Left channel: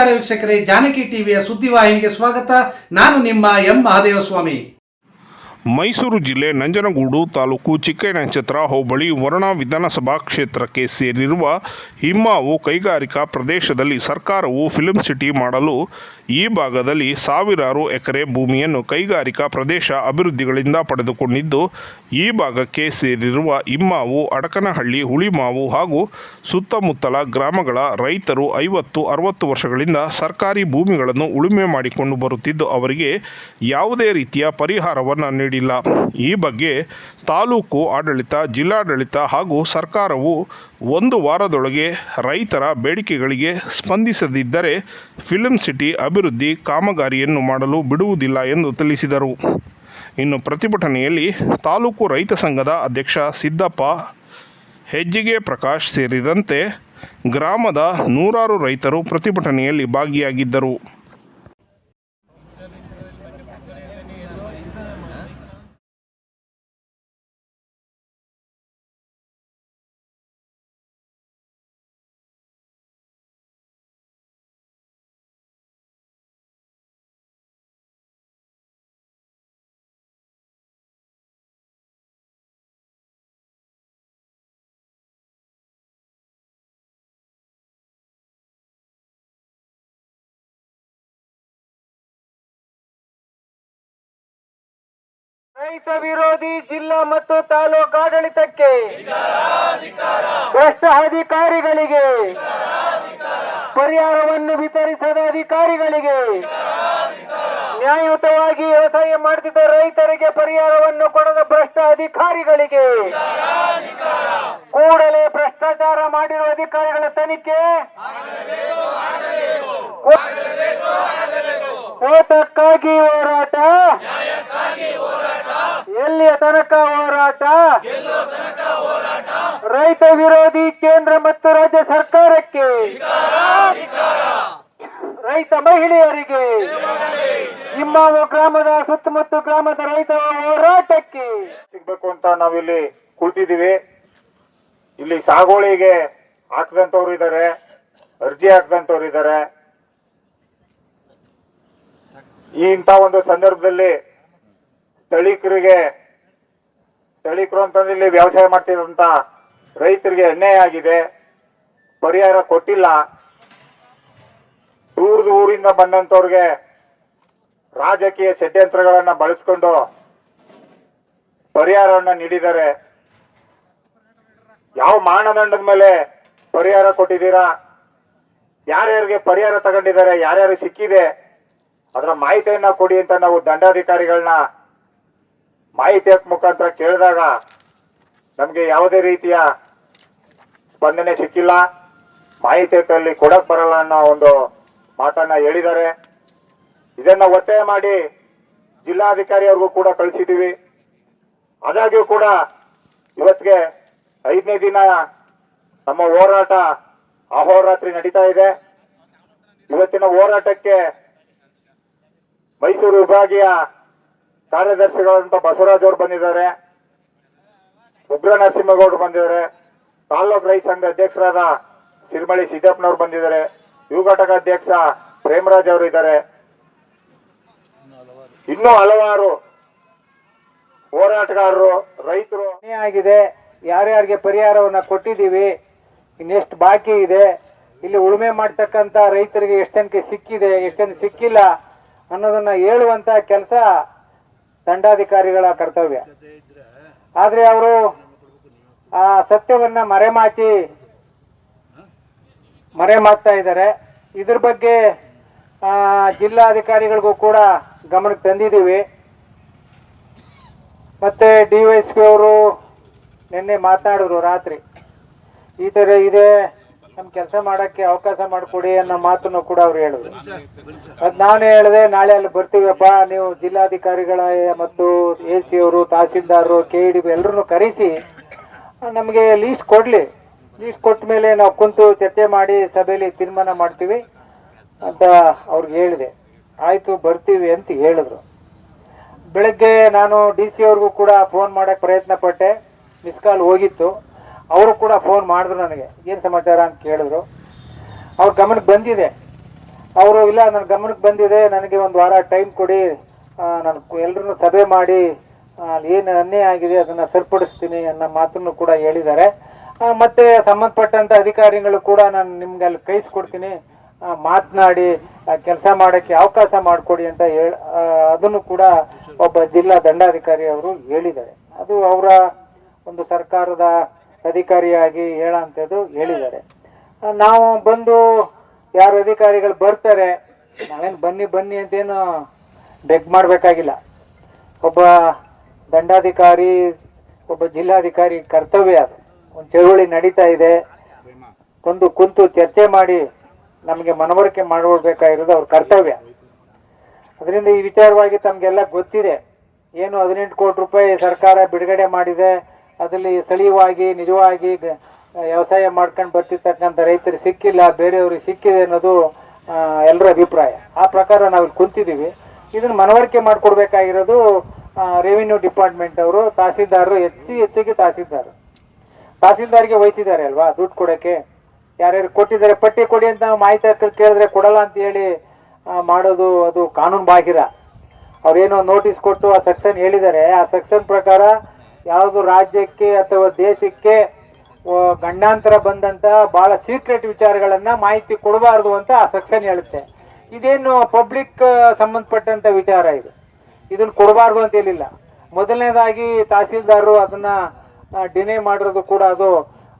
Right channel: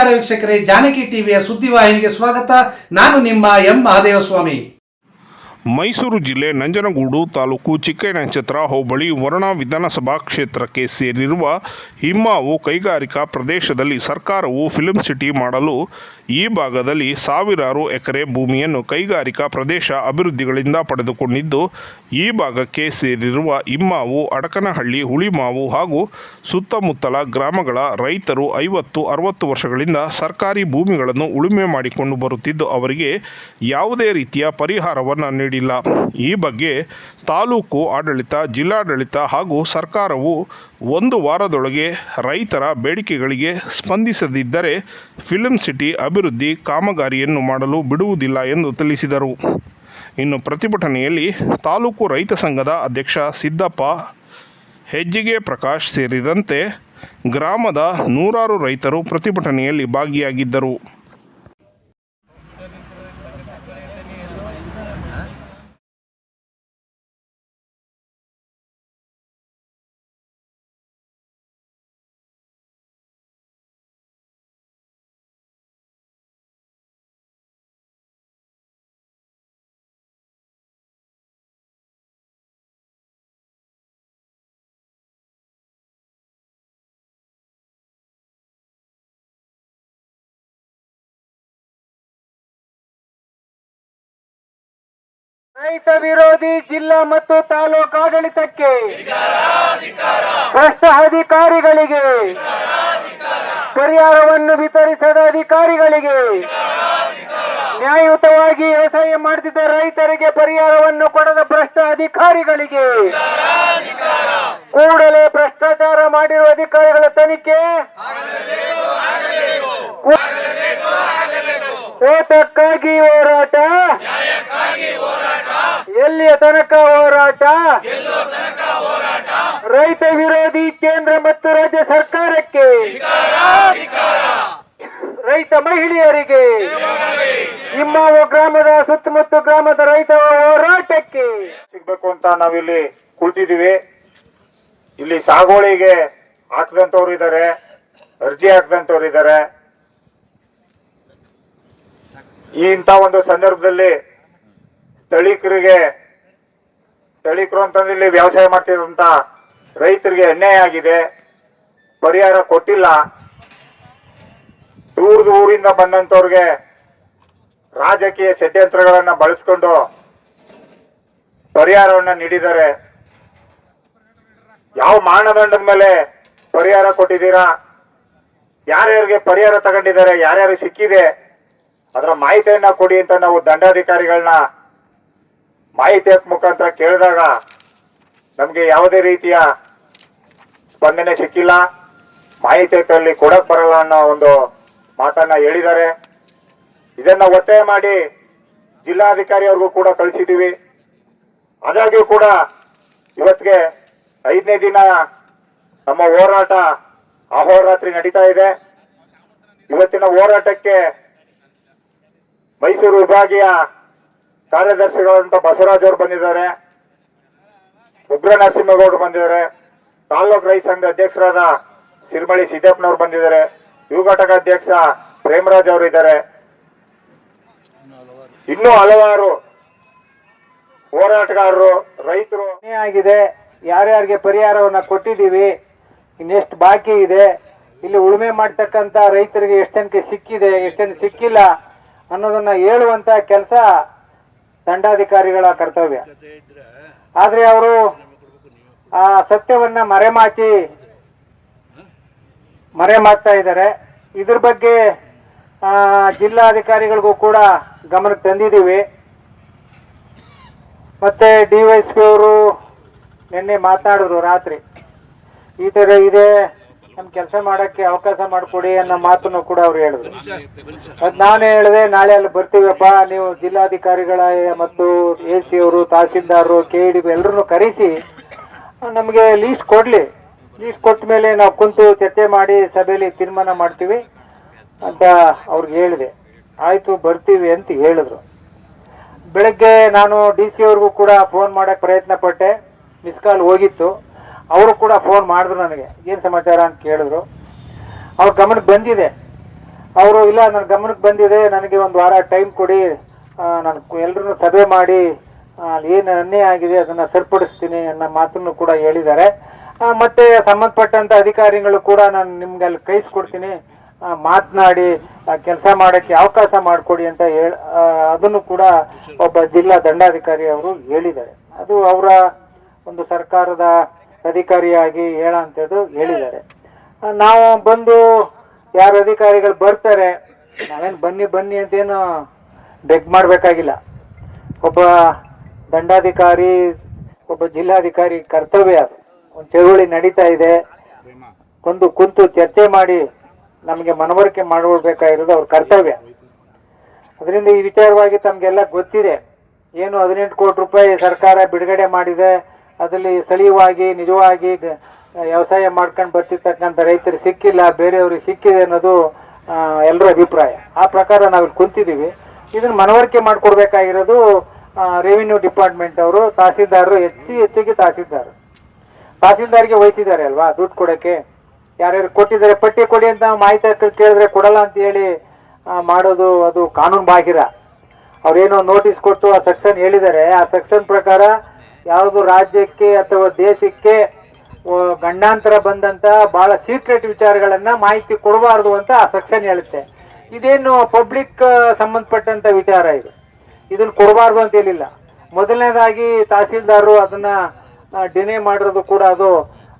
ನಮಸ್ಕಾರ ವೀಕ್ಷಕರೇ, ಜಾನಕಿ ಟಿವಿಯ ಸುದ್ದಿವಾಹಿನಿಗೆ ಸ್ವಾಗತ. ನಾನು ನಿಮ್ಮ ಎಂ. ಮಹಾದೇವಸ್ವಾಮಿ. ಮೈಸೂರು ಜಿಲ್ಲೆ ನಂಜನಗೂಡು ತಾಲೂಕು ಚಿಕ್ಕನಕ್ಷತ್ರ ಹೋಬಳಿ ವರುಣ ವಿಧಾನಸಭಾ ಕ್ಷೇತ್ರಕ್ಕೆ ಸೇರಿರುವ ಹಿಮ್ಮಾವು ಕೈಗಾರಿಕಾ ಪ್ರದೇಶದಲ್ಲಿ ಸರ್ಕಾರವು ಫಿಲ್ಮ್ ಸಿಟಿ ಮಾಡಲು ಈ ಭಾಗದಲ್ಲಿ ಸಾವಿರಾರು ಎಕರೆ ಭೂಮಿಯನ್ನು ಕೈಗಾರಿಕಾ ಪ್ರದೇಶ ಅಭಿವೃದ್ಧಿಗಳಿಂದ ಪಡೆದುಕೊಂಡಿದ್ದು, ಈ ಭಾಗಕ್ಕೆ ಸೇರಿರುವ ಇಮ್ಮಾವು, ಅಡಕನಹಳ್ಳಿ, ಹುಳಿಮಾವು ಹಾಗೂ ಸುತ್ತಮುತ್ತಲ ಗ್ರಾಮಗಳ ರೈತರು ಐವತ್ತು, ಅರವತ್ತು ವರ್ಷಗಳಿಂದ ಸರ್ಕಾರಿ ಭೂಮಿಗಳನ್ನು ಉಳುಮೆ ಮಾಡಿಕೊಂಡು ಬರುತ್ತಿದ್ದು, ಅವರಿಗೆ ಯಾವುದೇ ರೀತಿಯ ಪರಿಹಾರವನ್ನು ನೀಡಿಲ್ಲ. ಈ ಬಗ್ಗೆ ತಾಲೂಕು ಆಡಳಿತ, ಜಿಲ್ಲಾಡಳಿತ ಹಾಗೂ ಸರ್ಕಾರವು ಒಂದು ವಾರದೊಳಗೆ ರೈತರ ಬೇಡಿಕೆಗಳಿಗೆ ಸ್ಪಂದಿಸದಿದ್ದರೆ ಫಿಲಂ ಸಿಟಿ ಅಭಿವೃದ್ಧಿ ಕಾಮಗಾರಿಯನ್ನು ಮಾಡಲು ಬಿಡುವುದಿಲ್ಲ ಎಂದು ತಿಳಿಸಿದರು. ಇನ್ನು ಪ್ರತಿಭಟನೆಯಲ್ಲಿ ತಾಲೂಕು ರೈತ ಸಂಘದ ಅಧ್ಯಕ್ಷ ಸಿದ್ದಪ್ಪ, ಹೆಜ್ಜಿಗೆ ಪ್ರಕಾಶ್ ಸೇರಿದಂತೆ ಗ್ರಾಮದ ನೂರಾರು ರೈತರು ಪ್ರತಿಭಟನೆಯಲ್ಲಿ ಭಾಗಿಯಾಗಿದ್ದರು. ರೈತ ವಿರೋಧಿ ಜಿಲ್ಲಾ ಮತ್ತು ತಾಲೂಕು ಆಡಳಿತಕ್ಕೆ ಭ್ರಷ್ಟ ಅಧಿಕಾರಿಗಳಿಗೆ ಪರಿಹಾರವನ್ನು ವಿತರಿಸದ ಅಧಿಕಾರಿಗಳಿಗೆ ನ್ಯಾಯಯುತವಾಗಿ ವ್ಯವಸಾಯ ಮಾಡುತ್ತಿದ್ದ ರೈತರಿಗೆ ಪರಿಹಾರವನ್ನು ಪಡೆದ ಭ್ರಷ್ಟ ಅಧಿಕಾರಿಗಳಿಗೆ ಕೂಡಲೇ ಭ್ರಷ್ಟಾಚಾರ ಮಾಡಿರುವ ಅಧಿಕಾರಿಗಳ ತನಿಖೆ ಓಟಕ್ಕಾಗಿ ಹೋರಾಟ ಎಲ್ಲಿಯ ತನಕ ಹೋರಾಟ? ರೈತ ವಿರೋಧಿ ಕೇಂದ್ರ ಮತ್ತು ರಾಜ್ಯ ಸರ್ಕಾರಕ್ಕೆ. ರೈತ ಮಹಿಳೆಯರಿಗೆ. ನಿಮ್ಮ ಗ್ರಾಮದ ಸುತ್ತಮುತ್ತ ಗ್ರಾಮದ ರೈತ ಹೋರಾಟಕ್ಕೆ. ಸಿಗ್ಬೇಕು ಅಂತ ನಾವಿಲ್ಲಿ ಕುಳಿತಿದ್ದೀವಿ. ಇಲ್ಲಿ ಸಾಗೋಳಿಗೆ ಹಾಕದಂತವ್ರು ಇದ್ದಾರೆ. ಅರ್ಜಿ ಹಾಕದಂತವ್ರು ಇದ್ದಾರೆ. ಇಂಥ ಒಂದು ಸಂದರ್ಭದಲ್ಲಿ ಸ್ಥಳೀಕರಿಗೆ, ಸ್ಥಳೀಕರು ಅಂತಂದ್ರೆ ಇಲ್ಲಿ ವ್ಯವಸಾಯ ಮಾಡ್ತಿರೋಂಥ ರೈತರಿಗೆ ಅನ್ಯಾಯ ಆಗಿದೆ, ಪರಿಹಾರ ಕೊಟ್ಟಿಲ್ಲ. ದೂರದ ಊರಿಂದ ಬಂದಂಥವ್ರಿಗೆ ರಾಜಕೀಯ ಷಡ್ಯಂತ್ರಗಳನ್ನ ಬಳಸ್ಕೊಂಡು ಪರಿಹಾರವನ್ನ ನೀಡಿದ್ದಾರೆ. ಯಾವ ಮಾನದಂಡದ ಮೇಲೆ ಪರಿಹಾರ ಕೊಟ್ಟಿದ್ದೀರಾ? ಯಾರ್ಯಾರಿಗೆ ಪರಿಹಾರ ತಗೊಂಡಿದ್ದಾರೆ? ಯಾರ್ಯಾರು ಸಿಕ್ಕಿದೆ? ಅದರ ಮಾಹಿತಿಯನ್ನ ಕೊಡಿ ಅಂತ ನಾವು ದಂಡಾಧಿಕಾರಿಗಳನ್ನ ಮಾಹಿತಿ ಮುಖಾಂತರ ಕೇಳಿದಾಗ ನಮಗೆ ಯಾವುದೇ ರೀತಿಯ ಸ್ಪಂದನೆ ಸಿಕ್ಕಿಲ್ಲ. ಮಾಹಿತಿ ಅಲ್ಲಿ ಕೊಡಕ್ ಬರಲ್ಲ ಅನ್ನೋ ಒಂದು ಮಾತನ್ನ ಹೇಳಿದ್ದಾರೆ. ಇದನ್ನ ಒತ್ತಾಯ ಮಾಡಿ ಜಿಲ್ಲಾಧಿಕಾರಿ ಅವ್ರಿಗೂ ಕೂಡ ಕಳಿಸಿದ್ದೀವಿ ಆದಾಗ್ಯೂ ಕೂಡ ಇವತ್ತಿಗೆ ಐದನೇ ದಿನ ನಮ್ಮ ಹೋರಾಟ ಅಹೋರಾತ್ರಿ ನಡೀತಾ ಇದೆ. ಇವತ್ತಿನ ಹೋರಾಟಕ್ಕೆ ಮೈಸೂರು ವಿಭಾಗೀಯ ಕಾರ್ಯದರ್ಶಿಗಳಂತ ಬಸವರಾಜ್ ಅವರು ಬಂದಿದ್ದಾರೆ, ಉಗ್ರ ನರಸಿಂಹಗೌಡರು ಬಂದಿದ್ದಾರೆ, ತಾಲ್ಲೂಕು ರೈತ ಸಂಘದ ಅಧ್ಯಕ್ಷರಾದ ಸಿರಿಮಳಿ ಸಿದ್ದಪ್ಪನವರು ಬಂದಿದ್ದಾರೆ ಯುವ ಘಟಕ ಅಧ್ಯಕ್ಷ ಪ್ರೇಮರಾಜ್ ಅವರು ಇದ್ದಾರೆ. ಇನ್ನೂ ಹಲವಾರು ಹೋರಾಟಗಾರರು, ರೈತರು. ಆಗಿದೆ, ಯಾರ್ಯಾರಿಗೆ ಪರಿಹಾರವನ್ನ ಕೊಟ್ಟಿದ್ದೀವಿ, ಇನ್ನೆಷ್ಟು ಬಾಕಿ ಇದೆ, ಇಲ್ಲಿ ಉಳುಮೆ ಮಾಡ್ತಕ್ಕಂಥ ರೈತರಿಗೆ ಎಷ್ಟೆನಕ್ಕೆ ಸಿಕ್ಕಿದೆ ಎಷ್ಟನ್ ಸಿಕ್ಕಿಲ್ಲ ಅನ್ನೋದನ್ನ ಹೇಳುವಂತ ಕೆಲಸ ದಂಡಾಧಿಕಾರಿಗಳ ಕರ್ತವ್ಯ. ಆದ್ರೆ ಅವರು ಆ ಸತ್ಯವನ್ನ ಮರೆಮಾಚಿ ಮರೆ ಮಾಡ್ತಾ ಇದ್ದಾರೆ. ಇದ್ರ ಬಗ್ಗೆ ಆ, ಜಿಲ್ಲಾಧಿಕಾರಿಗಳಿಗೂ ಕೂಡ ಗಮನಕ್ಕೆ ತಂದಿದ್ದೀವಿ. ಮತ್ತೆ ಡಿ ವೈ ಎಸ್ ಪಿ ಅವರು ನಿನ್ನೆ ಮಾತನಾಡಿದ್ರು ರಾತ್ರಿ. ಈ ಥರ ಇದೆ ನಮ್ಮ ಕೆಲಸ ಮಾಡಕ್ಕೆ ಅವಕಾಶ ಮಾಡಿಕೊಡಿ ಅನ್ನೋ ಮಾತನ್ನು ಕೂಡ ಅವ್ರು ಹೇಳಿದ್ರು. ಅದು ನಾನು ಹೇಳಿದೆ ನಾಳೆ ಅಲ್ಲಿ ಬರ್ತೀವಪ್ಪ ನೀವು ಜಿಲ್ಲಾಧಿಕಾರಿಗಳ ಮತ್ತು ಎ ಸಿ ಅವರು ತಹಸೀಲ್ದಾರರು ಕೆ ಡಿ ಬಿ ಎಲ್ಲರನ್ನು ಕರೆಸಿ ನಮಗೆ ಲೀಸ್ಟ್ ಕೊಡಲಿ. ಲೀಸ್ಟ್ ಕೊಟ್ಟ ಮೇಲೆ ನಾವು ಕುಂತು ಚರ್ಚೆ ಮಾಡಿ ಸಭೆಯಲ್ಲಿ ತೀರ್ಮಾನ ಮಾಡ್ತೀವಿ ಅಂತ ಅವ್ರಿಗೆ ಹೇಳಿದೆ. ಆಯಿತು ಬರ್ತೀವಿ ಅಂತ ಹೇಳಿದ್ರು. ಬೆಳಗ್ಗೆ ನಾನು ಡಿ ಸಿ ಅವ್ರಿಗೂ ಕೂಡ ಫೋನ್ ಮಾಡೋಕ್ಕೆ ಪ್ರಯತ್ನ ಪಟ್ಟೆ ಮಿಸ್ ಕಾಲ್ ಹೋಗಿತ್ತು. ಅವರು ಕೂಡ ಫೋನ್ ಮಾಡಿದ್ರು ನನಗೆ, ಏನು ಸಮಾಚಾರ ಅಂತ ಕೇಳಿದ್ರು. ಅವ್ರ ಗಮನಕ್ಕೆ ಬಂದಿದೆ. ಅವರು, ಇಲ್ಲ ನನ್ನ ಗಮನಕ್ಕೆ ಬಂದಿದೆ, ನನಗೆ ಒಂದು ವಾರ ಟೈಮ್ ಕೊಡಿ ನಾನು ಎಲ್ಲರೂ ಸಭೆ ಮಾಡಿ ಏನು ಅನ್ಯಾಯ ಆಗಿದೆ ಅದನ್ನು ಸರಿಪಡಿಸ್ತೀನಿ ಅನ್ನೋ ಮಾತನ್ನು ಕೂಡ ಹೇಳಿದ್ದಾರೆ. ಮತ್ತು ಸಂಬಂಧಪಟ್ಟಂತ ಅಧಿಕಾರಿಗಳು ಕೂಡ ನಾನು ನಿಮ್ಗೆ ಅಲ್ಲಿ ಕೈಸ್ಕೊಡ್ತೀನಿ ಮಾತನಾಡಿ ಕೆಲಸ ಮಾಡೋಕ್ಕೆ ಅವಕಾಶ ಮಾಡಿಕೊಡಿ ಅಂತ ಹೇಳ ಅದನ್ನು ಕೂಡ ಒಬ್ಬ ಜಿಲ್ಲಾ ದಂಡಾಧಿಕಾರಿ ಅವರು ಹೇಳಿದ್ದಾರೆ. ಅದು ಅವರ ಒಂದು ಸರ್ಕಾರದ ಅಧಿಕಾರಿಯಾಗಿ ಹೇಳೋಂಥದ್ದು ಹೇಳಿದ್ದಾರೆ. ನಾವು ಬಂದು ಯಾರು ಅಧಿಕಾರಿಗಳು ಬರ್ತಾರೆ, ನಾವೇನು ಬನ್ನಿ ಬನ್ನಿ ಅಂತೇನು ಬೆಗ್ ಮಾಡಬೇಕಾಗಿಲ್ಲ. ಒಬ್ಬ ದಂಡಾಧಿಕಾರಿ, ಒಬ್ಬ ಜಿಲ್ಲಾಧಿಕಾರಿ ಕರ್ತವ್ಯ ಅದು. ಒಂದು ಚಳುವಳಿ ನಡೀತಾ ಇದೆ. ಒಂದು ಕುಂತು ಚರ್ಚೆ ಮಾಡಿ ನಮಗೆ ಮನವರಿಕೆ ಮಾಡಬೇಕಾಗಿರೋದು ಅವ್ರ ಕರ್ತವ್ಯ. ಅದರಿಂದ ಈ ವಿಚಾರವಾಗಿ ತಮಗೆಲ್ಲ ಗೊತ್ತಿದೆ. ಏನು ಹದಿನೆಂಟು ಕೋಟಿ ರೂಪಾಯಿ ಸರ್ಕಾರ ಬಿಡುಗಡೆ ಮಾಡಿದೆ. ಅದರಲ್ಲಿ ಸ್ಥಳೀಯವಾಗಿ, ನಿಜವಾಗಿ ವ್ಯವಸಾಯ ಮಾಡ್ಕೊಂಡು ಬರ್ತಿರ್ತಕ್ಕಂಥ ರೈತರು ಸಿಕ್ಕಿಲ್ಲ, ಬೇರೆಯವ್ರಿಗೆ ಸಿಕ್ಕಿದೆ ಅನ್ನೋದು ಎಲ್ಲರ ಅಭಿಪ್ರಾಯ. ಆ ಪ್ರಕಾರ ನಾವು ಇಲ್ಲಿ ಕುಂತಿದ್ದೀವಿ. ಇದನ್ನು ಮನವರಿಕೆ ಮಾಡಿಕೊಡ್ಬೇಕಾಗಿರೋದು ರೆವಿನ್ಯೂ ಡಿಪಾರ್ಟ್ಮೆಂಟ್ ಅವರು, ತಹಸೀಲ್ದಾರರು, ಹೆಚ್ಚು ಹೆಚ್ಚಿಗೆ ತಹಸೀಲ್ದಾರ್. ತಹಸೀಲ್ದಾರ್ಗೆ ವಹಿಸಿದ್ದಾರೆ ಅಲ್ವಾ, ದುಡ್ಡು ಕೊಡೋಕ್ಕೆ ಯಾರ್ಯಾರು ಕೊಟ್ಟಿದ್ದಾರೆ, ಪಟ್ಟಿ ಕೊಡಿ ಅಂತ ನಾವು ಮಾಹಿತಿ ಕೇಳಿದ್ರೆ ಕೊಡಲ್ಲ ಅಂತ ಹೇಳಿ ಮಾಡೋದು ಅದು ಕಾನೂನು ಬಾಹಿರ. ಅವ್ರೇನೋ ನೋಟಿಸ್ ಕೊಟ್ಟು ಆ ಸೆಕ್ಷನ್ ಹೇಳಿದ್ದಾರೆ. ಆ ಸೆಕ್ಷನ್ ಪ್ರಕಾರ ಯಾವುದು ರಾಜ್ಯಕ್ಕೆ ಅಥವಾ ದೇಶಕ್ಕೆ ಗಂಡಾಂತರ ಬಂದಂತ ಬಹಳ ಸೀಕ್ರೆಟ್ ವಿಚಾರಗಳನ್ನ ಮಾಹಿತಿ ಕೊಡಬಾರ್ದು ಅಂತ ಆ ಸೆಕ್ಷನ್ ಹೇಳುತ್ತೆ. ಇದೇನು ಪಬ್ಲಿಕ್ ಸಂಬಂಧಪಟ್ಟಂತ ವಿಚಾರ ಇದು? ಇದನ್ನ ಕೊಡಬಾರ್ದು ಅಂತ ಹೇಳಿಲ್ಲ. ಮೊದಲನೇದಾಗಿ ತಹಸೀಲ್ದಾರರು ಅದನ್ನ ಡಿನೇ ಮಾಡಿರೋದು ಕೂಡ ಅದು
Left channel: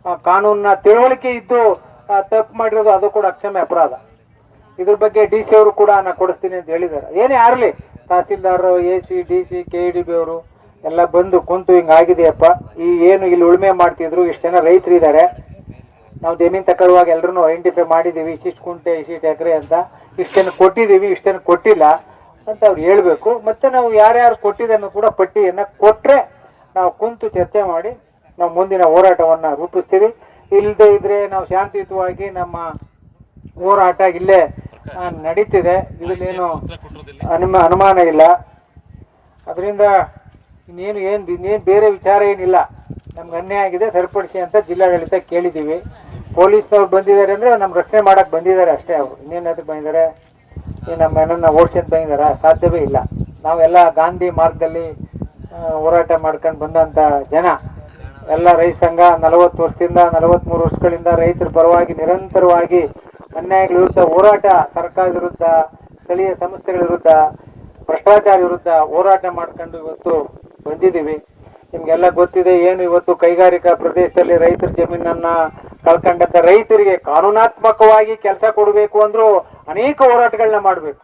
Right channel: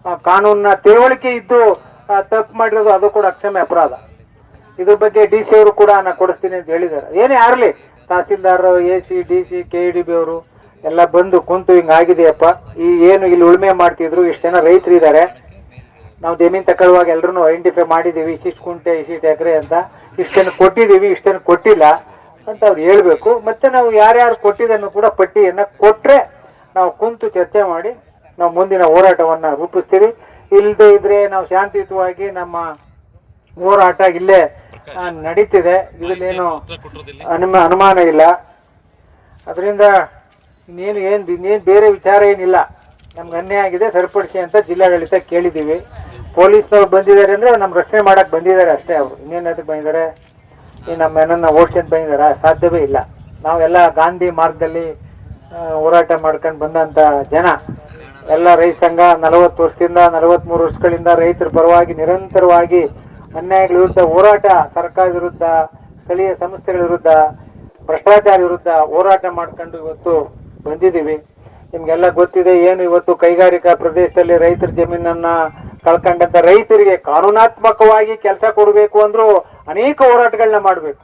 ಕಾನೂನ ಕಾನೂನಿನ ತಿಳುವಳಿಕೆ ಇದ್ದು ತಪ್ಪು ಮಾಡಿರೋದು ಅದು ಕೂಡ ಅಕ್ಷಮ್ಯ ಅಪರಾಧ. ಇದ್ರ ಬಗ್ಗೆ ಡಿ ಸಿ ಅವರು ಕೂಡ ನಾನು ಕೊಡಿಸ್ತೀನಿ ಅಂತ ಹೇಳಿದ್ದಾರೆ. ಏನೇ ಆಗಲಿ, tahsildar A C D C K E D B ಅವರು ಎಲ್ಲ ಬಂದು ಕುಂತು ಹಿಂಗಾಗಿದೆಯಪ್ಪ ಈ ಏನು ಇಲ್ಲಿ ಉಳುಮೆ ಮಾಡ್ತಿದ್ರು ಇಷ್ಟು ಜನ ರೈತರು ಇದ್ದಾರೆ ನಾವು ಜಮೀನು ತಗೊಳ್ಳುವಾಗ ಎಲ್ಲರೂ ಐಡೆಂಟಿಫೈ ಮಾಡಿದ್ದೀವಿ ಇಷ್ಟಿಷ್ಟು ಕುಂಟೆ ಇಷ್ಟಿಷ್ಟು ಎಕರೆ ಅಂತ. ಇಷ್ಟನ್ನು ಕೊಟ್ಟಿದ್ದೀವಿ ಇಷ್ಟನ್ನು ಕೊಟ್ಟಿಲ್ಲ ಅಂತ ಅವ್ರು ಹೇಳಬೇಕು. ಮತ್ತೆ ನಾವು ಯಾರ್ಯಾರು ಕೊಟ್ಟಿದ್ದನ್ನು ಕೂಡ ಪಟ್ಟಿಯನ್ನು ಕೊಟ್ಟರೆ ನಾವು ಕುಂತು ಚರ್ಚೆ ಮಾಡಿ ನಾವು ಮುಂದಿನ ಹೋರಾಟವನ್ನು ರೂಪಿಸ್ತೀವಿ. ಇಲ್ಲದೆ ಇದ್ರೆ ನಾವು ಶಾಂತಿಯುತವಾಗಿ ನಮ್ಮ ಹೋರಾಟ ಇಲ್ಲೇ ನಡೀತಿದೆ. ಇದನ್ನೇನು ಅನುಮ ಅನುಮಾನ ಇಲ್ಲ. ಅದರಿಂದ ಇನ್ನೇನು ಏನು ಇನ್ನೇನು ಬೇರೆ ವಿಚಾರ ಏನಿಲ್ಲ. ನಮ್ಗೆ ಅನ್ಯಾಯ ಆಗಿದೆ, ಸರಿಪಡಿಸಿ ಅಂತ ಜಿಲ್ಲಾಡಳಿತ ಕೇಳಿದ್ದೀವಿ ಪೊಲೀಸ್ನವ್ರು ಬಂದಿದ್ದಾರೆ ಅಂದರೆ ನಮ್ಮ ರಕ್ಷಣೆ ಮಾಡೋಕ್ಕೆ ಬಂದಿದ್ದಾರೆ ಅಷ್ಟೇ ಅವರು. ಇನ್ನೇನಾದ್ರು ಬಂದಿದ್ದಾರೆ? ಈ ನಮ್ಮ ಏನನ್ನ ಅಂತ ಬಂದಿದ್ದಾರೆ? ಸಾಧ್ಯವೇ ಇಲ್ಲ. ನಾವೆಲ್ಲ ಗಾಂಧಿ ಮಾರ್ಗದಲ್ಲಿ ಹೋರಾಟ ಮಾಡ್ಕೊಂಡು ಬಂದಂಥ ಜನ. ಎಲ್ಲ ರೈತ ಸಂಘ ನಲವತ್ತು ವರ್ಷದಿಂದ ನಲವತ್ತ್ಮೂರು ವರ್ಷಗಳಿಂದ ರೈತರ ಪರವಾಗಿ ನಿರಂತರವಾಗಿ ಅನ್ಯಾಯಗಳ ವಿರುದ್ಧ ಹೋರಾಟ, ಸರ್ಕಾರದ ವಿರುದ್ಧ, ಸ್ಥಳೀಯ ಸಂಸ್ಥೆಗಳ ವಿರುದ್ಧ, ಭ್ರಷ್ಟಾಚಾರ ವಿರುದ್ಧ ಹೋರಾಟ ಮಾಡ್ಕೊಂಡು ಇವತ್ತು ಬಂದಿದ್ದೀವಿ. ನಿಮಗೆಲ್ಲ ಗೊತ್ತಿದೆ ಏನು ಇವತ್ತು ಕೈಗಾರಿಕಾ ಪ್ರದೇಶದಲ್ಲಿ ರೈತರ ಜಮೀನನ್ನ ಕಳ್ಕೊಂಡಂತ ರೈತರಿಗೆ ಕಾನೂನಾತ್ಮಕವಾಗಿ ಕೆಲಸ ಕೊಡಬೇಕು ಅಂದ್ರು ಅನೇಕ ಹೋರಾಟಗಳನ್ನ ಮಾಡಬೇಕು.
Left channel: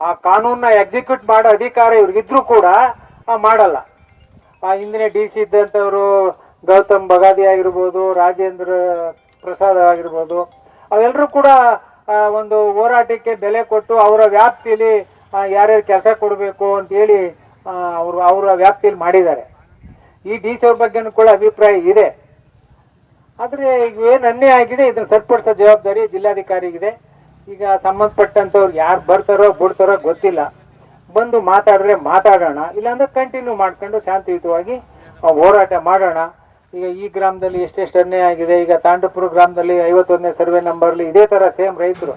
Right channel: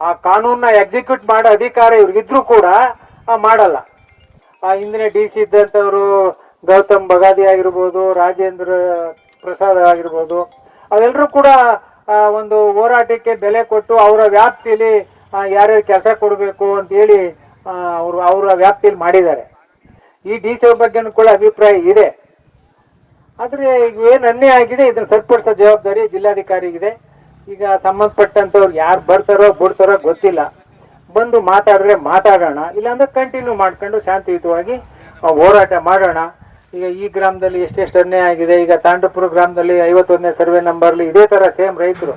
ಆ ಕಾನೂನನ್ನ ಎಕ್ಸಿಕ್ಯೂಟ್ ಮಾಡೋ ಅಧಿಕಾರ ಇವ್ರಿಗಿದ್ರೂ ಕೂಡ ಮಾಡಲ್ಲ. ಆ ಹಿಂದಿನ ಡಿ ಸಿ ಇದ್ದಂಥವರು ಗೌತಮ್ ಬಗಾದಿ ಆಗಿರ್ಬೋದು, ರಾಜೇಂದ್ರ ಪ್ರಸಾದ್ ಆಗಿರ್ಬೋದು ಅವೆಲ್ಲರೂ ಕೂಡ ಒಂದು ಹೋರಾಟಕ್ಕೆ ಬೆಲೆ ಕೊಟ್ಟು ಅವರ ವ್ಯಾಪ್ತಿಯಲ್ಲಿ ಯಾರ್ಯಾರು ಕೆಲಸ ಕೊಡಬೇಕು ಅಂತೇಳಿ ಅವರು, ಅವರ ವ್ಯಾಪ್ತಿಯಲ್ಲಿ ಮಾಡಿದ್ದಾರೆ. ಈ ಡಿ ಸಿ ಬಗ್ಗೆನೂ ಕೂಡ ಅಭಿಪ್ರಾಯ ಇದೆ. ಆದರೆ ಈಗ ಏನು ಅನ್ಯಾಯ ಆಗಿದೆ, ಇದನ್ನು ಸರಿಪಡಿಸೋ ಜವಾಬ್ದಾರಿ ಜಿಲ್ಲಾಧಿಕಾರಿಗಿದೆ. ಈಗ ಸಂಬಂಧಪಟ್ಟಂಥವ್ರು ಯಾರು ಬರ್ತಾರೋ ಬಿಡ್ತಾರೋ ಗೊತ್ತಿಲ್ಲ. ಬಂದು ಮಾತಾಡಿದ್ರೆ ಮಾತಾಡೋಣ, ಇಲ್ಲಾಂದ್ರೆ ಕಂಟಿನ್ಯೂ ಮಾಡ್ಕೊಂಡು ಶಾಂತಿಯುತವಾಗಿ ಹೋರಾಟ ಮಾಡೋಣ. ಈಗ ಈ ಗ್ರಾಮದಲ್ಲಿ ಎಷ್ಟೆಷ್ಟು ಅನ್ಯಾಯ ಆಗಿದೆ, ಈಗ ತಾಂಡಪುರ ಗ್ರಾಮದಲ್ಲಿ ಐವತ್ತೊಂದನೇ ಸರ್ವೆ ನಂಬರ್ಲಿ ಇದೇ ಥರ ಸೇಮ್ ರೈತರು.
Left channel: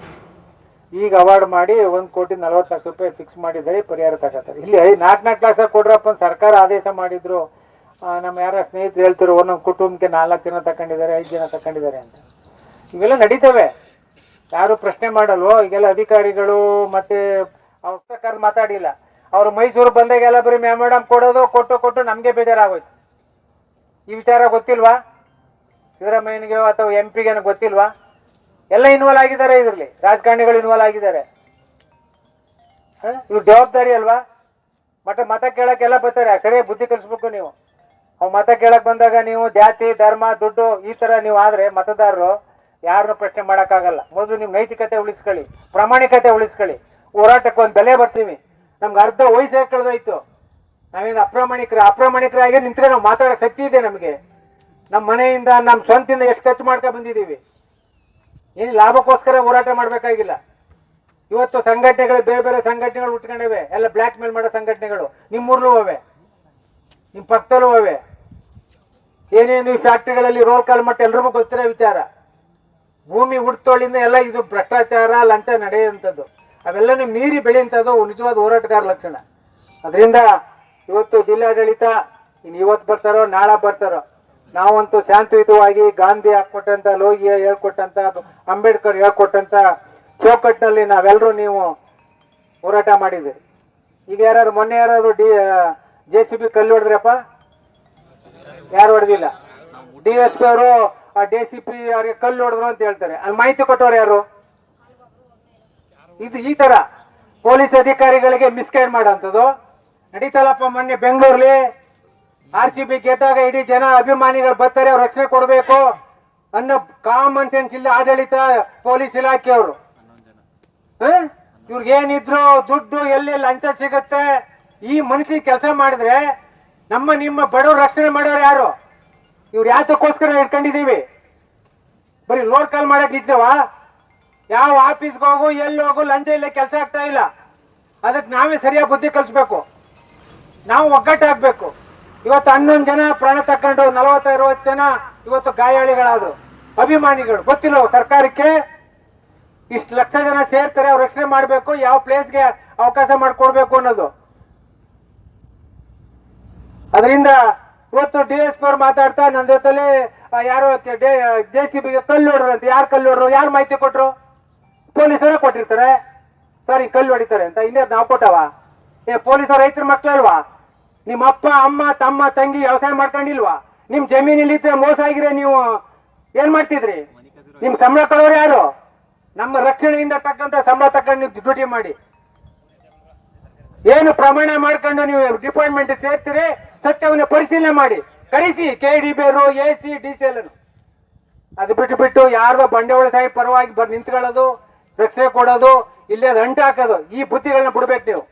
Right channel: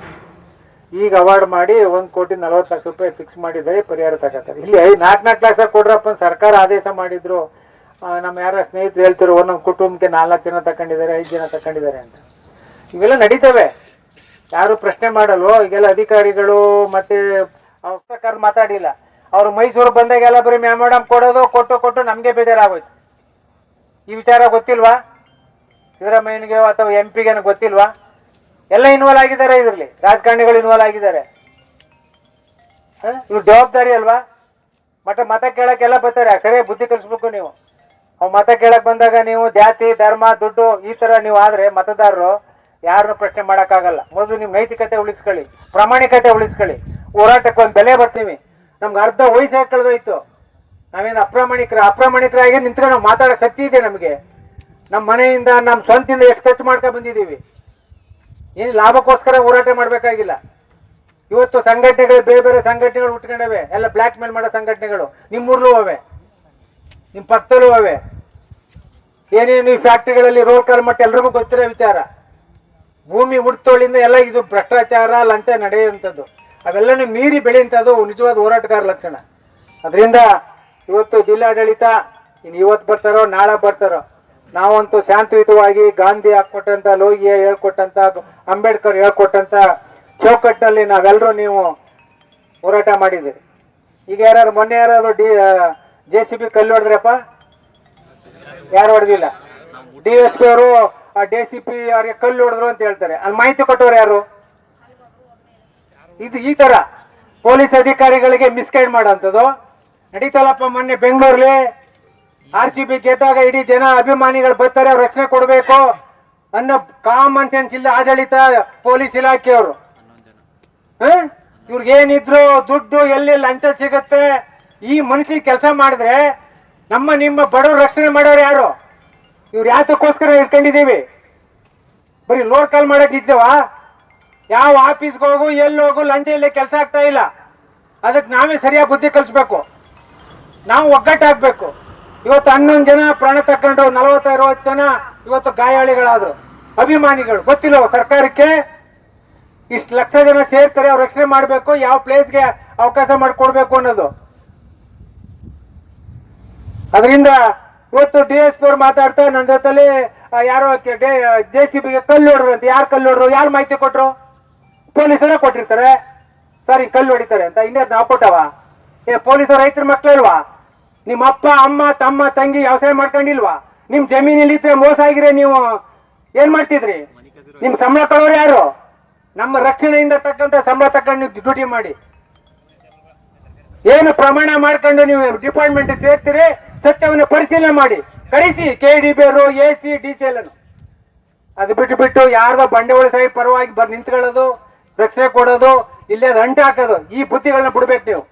ಈಗ ಅವಾರ್ಡ್ ಮಾಡಿ ಒಂದು ಕೋಟಿ ನಲವತ್ತು ಲಕ್ಷ ರೂಪಾಯಿ ಫಿಕ್ಸ್ ಮಾಡಿದ್ದಾರೆ ಪರಿಹಾರ ತಗೋತಾರೆ. ಇಲ್ಲಿ ಐದು ನಾಲ್ಕು ನಾಲ್ಕು ಲಕ್ಷ ಕೊಡ್ರಪ್ಪ ಸರ್ಕಾರ ಆದೇಶ ಮಾಡಿದ್ರು. ನಮ್ಮ ಯಾರ ಸ್ನೇಹಿತರು ಹೇಳ್ತಿರು ಒಂದೊಂದು ಕುಟುಂಬಕ್ಕೆ ನಾಲ್ಕು ಜನ ತಗೊಂಡಿದ್ದಾರೆ ಐದು ಜನ ತಗೊಂಡಿದ್ದಾರೆ ಅಂತ. ಇವೆಲ್ಲ ನಡೀತವೆ. ಯಾರು ಪ್ರಶ್ನೆ ಮಾಡಲ್ವೋ, ಈಗೆಲ್ಲ ಅಧಿಕಾರಿಗಳು ಮತ್ತೆ ಅವ್ರ ಪ್ರಕಾರ ಮಾತಾಡಿಲ್ಲ. ಅವ್ರು ಮೈಸೂರು ಬಂದಾಗೆಲ್ಲ ಬರೀ ಮೇಡಮ್ ಕೊಡೋದು, ಕೊಟ್ಟು ಕೊಟ್ಟು ನಮಗೆ ಬೇಜಾರಾಗೋಯ್ತು. ಈ ವಿಚಾರ ಗೊತ್ತಿಲ್ವಾ? ಸಿದ್ದರಾಮಯ್ಯನಿಗೆ ಅಥವಾ ಎಂ ಪಿಗೆ ಗೊತ್ತಿಲ್ವಾ? ಎಲ್ಲ ಇನ್ವಾಲ್ವ್ ಆಗಿದ್ದಾರೆ ಇದರಲ್ಲಿ. ರಾಜಕಾರಣಿಗಳು ಇನ್ವಾಲ್ವ್ ಆಗಿದ್ದಾರೆ. ಇವ್ರು ಜವಾಬ್ದಾರಿ ಅಲ್ವಾ? ಮತ್ತೆ ಮತ ಕೇಳಕ್ಕೆಲ್ಲ ಬರ್ತಾರೆ. ಸರಿಯಾಗಿ ಬುದ್ಧಿ ಕಲಿಸ್ಬೇಕು ನೀವು. ಅವ್ ಮತ ಕೇಳಕ್ ಬಂದಾಗ ನೀವು ಜಾತಿ, ಧರ್ಮ, ದುಡ್ಡು ಈ ತರ ನೀವು ಆದ್ರೆ ಮತದಾರರು ಯಾರನ್ನು ಪ್ರಶ್ನೆ ಮಾಡೋಕ್ಕಾಗಲ್ಲ. ಮೊದಲು ನೀವು ನೈತಿಕತೆ ಉಳಿಸ್ಕೊಳ್ಳಿ. ಪ್ರಾಮಾಣಿಕತೆ ಉಳಿಸ್ಕೊಳ್ಳಿ. ಹೋರಾಟಕ್ಕೆ ಒಂದು ಬೆಲೆ ಬರ್ತೀವಿ. ನಮ್ಗೆ ಅರ್ಧ ವಯಸ್ಸೇ ಕಳೆದೋಯ್ತು. ನಾವೇನು ಅಪ್ರಾಮಾಣಿಕರ ಅಪ್ರಾಮಾಣಿಕರಾಗಿ ನಿಂತ್ಕೊಂಡು ನಾವು ಮಾತಾಡೋ ಶಕ್ತಿ ಇದೆ ನಮಗೆ. ನಮ್ಮ ಮನೆಯಿಂದ ನಮ್ಮ ಸ್ವಂತಿಂದ ಎಷ್ಟು ಖರ್ಚು ಮಾಡ್ಕೊಂಡು ಬಂದಿದ್ದೀವಿ. ಏನು ಲಾಭಕ್ಕೋಸ್ಕರ ಹೋರಾಟ ಮಾಡಬೇಕಾಗಿಲ್ಲ. ಇವತ್ತು ಸಂಘಟನೆಗಳು, ಬೇರೆ ಬೇರೆ ಸಂಘಟನೆಗಳು ಉಟ್ಕೊಂಡವೆ. ಎಲ್ಲ ಬ್ಲ್ಯಾಕ್ ಮೇಲ್ ಮಾಡೋ ಸಂಘಟನೆಗಳು. ನಿಮ್ಮೂರ್ಲೂ ಅವೆ. ನಿಮ್ಮ ಪಕ್ಕದಲ್ಲೂ ಅವೆ. ಏನೇನು ಈ ಫ್ಯಾಕ್ಟ್ರಿಗಳಲ್ಲಿ ರೋಲ್ ಕಾಲ್ ಮಟ್ಟ ಎಲ್ರಿಗೂ ಗೊತ್ತಿರೋ ವಿಚಾರ. ಭೂಮಿ ಹುಡ್ತೋಳಿಂದ ಎಲ್ಲ ಇದು ಭ್ರಷ್ಟಾಚಾರ, ಲಂಚ ನಡೆಯುವಂಥದ್ದು. ಅವೆಲ್ಲನೂ ಮೀರಿ ಬೆಳೆಯುವಂಥದ್ದು ನಿಜವಾದ ಹೋರಾಟಗಾರ ಲಕ್ಷಣ. ಅದರಿಂದ ಇವತ್ತು ಜಿಲ್ಲಾಡಳಿತ ಇನ್ನು ಇವತ್ತು ಬರ್ತಾರೋ, ನಾಳೆ ಬರ್ತಾರೋ ನಾವಂತೂ ಶಾಂತಿಯುತವಾಗಿ ಗಾಂಧಿ ಹಾಕೊಟ್ಟಂತ ಲೋಹಿಯ ಹೇಳ್ಕೊಟ್ಟಂತ, ಅಂಬೇಡ್ಕರ್ ಹೇಳ್ಕೊಟ್ಟಂತ ಚೌಕಟ್ಟಿನಲ್ಲಿ ನಾವೆಲ್ಲರೂ ನೀವು ಹೋರಾಟ ಮಾಡಿದ್ದೀರಿ. ಈಗ ಯಾರು ಮೊನ್ನೆ ಯಾರಾದ್ರು ಡಿ ಜೆ ಸಿ ಬಿ ಕಲ್ಲು ಹೊಡೆದ್ರಪ್ಪ? ಯಾರು ಹೊಡೆದಿಲ್ಲ? ಡಿ ಎಸ್ ಪಿ ಅವರು ಆ ಡಿ ಸಿ ಪಿ ಅವ್ರಿಗೆ ಕಲ್ಲು ಹೊಡೆದ್ರು ಅಂತ ಹೇಳ್ತಾರೆ. ಅಲ್ಲಿ ಮಾಹಿತಿ ಕೊಟ್ಟವ್ರು ಯಾರು? ಇದು ಈ ತರ, ಪೊಲೀಸ್ ಅಧಿಕಾರಿಗಳಿಗೆ ಮಿಸ್ಗೈಡ್ ಮಾಡೋಂಥದ್ದು. ನಡೀತಲ್ಲಪ್ಪ ಮೊನ್ನೆ ಬೆಂಗಳೂರಲ್ಲಿ ಆರ್ ಸಿ ಬಿ ಗೆದ್ದಾಗ ಇಡೀ ಜನ ಅಭಿಮಾನಿಗಳು ಬರ್ತಾರೆ, ಅವ್ರು ರಕ್ಷಣೆ ಕೊಡಬೇಕು ಅನ್ನೋ ಕಾಮನ್ ಸೆನ್ಸ್ ಇಲ್ಲ ಆಡಳಿತ ಪೊಲೀಸ್ ಇಲಾಖೆಯವರು. ಇವ್ರಿಗೆ ಏನಿದ್ರು ದುಡ್ಡು ಎಲ್ಲಿ ಲಂಚ ಸಿಗತ್ತೆ, ಈ ಮನುಷ್ಯ ಕೆಲಸ ಮಾಡಿದ್ರೆ ನಮ್ಮ ನಿಮ್ಮ ಬಡವ್ರು ರಕ್ಷಣೆ ಮಾಡೋರು ಯಾರು? ಇವ್ರು ಯಾತಕ್ಕೋಸ್ಕರ ಇಟ್ಕೊಂಡಿದ್ದೀವಿ? ಬರೀ ಲೋಡ್ ಕಾಲ್ ಮಾಡಕ್ ಇದ್ದೇವ? ಯಾವ ಆಫೀಸ್ಗೆ ಹೋಗು, ಎಲ್ಲಿ ಹೋಗು, ಲಂಚ ಇಲ್ಲೇ ಕೆಲಸ ಆಗ್ತಾ ಇಲ್ಲ. ಅದಕ್ಕೆ ನಾವೇ ಸರಿಯಾಗಿ ಬುದ್ಧಿ ಕಲಿಸ್ಬೇಕು. ನಾವು ಒಗ್ಗಟ್ಟಾಗಬೇಕು. ಇವತ್ತು ಹನ್ನೊಂದು ಜನ ಪ್ರಾಣ ತಕೊಂಡು ನಲವತ್ತ ಅರವತ್ತು ಜನ ಇವತ್ತು ಗಾಯಾಳಿಗಳಾದ್ರು. ಅಭಿಮಾನಿಗಳು. ಗೊತ್ತಿಲ್ಲ ಸರ್ಕಾರಕ್ಕೆ. ಇಷ್ಟು ಲಕ್ಷ ಜನ ಸೇರ್ತಾರೆ, ಅವ್ರು ರಕ್ಷಣೆ ಮಾಡಬೇಕು, ಯಾವ ಪ್ಲೇಸ್ಗೆ ಅವಕಾಶ ಮಾಡಿಕೊಡ್ಬೇಕು ಅನ್ನೋದು. ಅದರಿಂದ ಇವತ್ತು ಡಿ ಎಸ್ ಪಿ ಮಾತಾಡ್ತಾ ನನ್ನ ಜೊತೆಲಿ ಯಾರೋ ಜೆ ಸಿ ಬಿಗೆ ಕಲ್ಲು ಹೊಡ್ರು ಅಂತ. ಯಾರು ಕಲ್ಲು ಹೊಡ್ರು ಯಾರು ಮಾಹಿತಿ ಕೊಟ್ರು? ಪೊಲೀಸರೇ ಕೊಟ್ಟಿರ್ತಾರೆ. ಸರ್, ಕಲ್ಲು ಹೊಡಿತಾರೆ ಅಂತ. ಇನ್ನೇ ನಾವು ಕೊಟ್ಟವ ಏ, ಪೊಲೀಸರು ರೈತರ ಮಕ್ಳಿಲ್ವಾ ನಿಮ್ಮ ಅಪ್ಪ ಅಮ್ಮ, ತಮ್ಮ, ತಂಗಿ ವ್ಯವಸಾಯ ಮಾಡ್ಕೊಂಡಿಲ್ವಾ? ನಿಮ್ ಜಮೀನಲ್ಲಿ ಇದ್ರೆ ಮೋಸ ಆಗಿದ್ರೆ ನೀವು ಏನ್ ಮಾಡ್ತಿದ್ರಿ? ನಿಮ್ ಸಂಬಳ ಕೊಡೋರು ಯಾರು? ನಮ್ಮ ರಕ್ಷಣೆಯಿಂದ ತಕ್ಕಂತ ಸಂಬಳ ತಕೊಂಡು ನೀವು ಡ್ಯೂಟಿ ಮಾಡಿ. ಏನು ಪ್ರಮಾಣ ಮಾಡ್ಕೊಂಡು ನೀವು ಡಿಪಾರ್ಟ್ಮೆಂಟ್ ಸೇರ್ತೀರಿ? ಸತ್ಯವನ್ನು ಪರಿಶೀಲನೆ ಮಾಡಿ. ಕಳಿಸಿ ಕೆ ಡಿ ಬಿ ಅವರು A C D C L ಅದು ಬಿಟ್ಟು ಬಿಟ್ಟು ಯಾರ್ದೋ ಬಂಡವಾಳ ಸಾಹಿ ಪರವಾಗಿ ಬರ್ ನಿಂತ್ಕೊಳ್ಳೋದು, ರಕ್ಷಣೆ ಕೊಡೋದು ಇಲ್ಲೇ ರಂಟೆ ಹಾಕೋದು. ಈ ಬುದ್ಧಿಗಳನ್ನ ಬಿಡ್ಬೇಕು ನೀವು.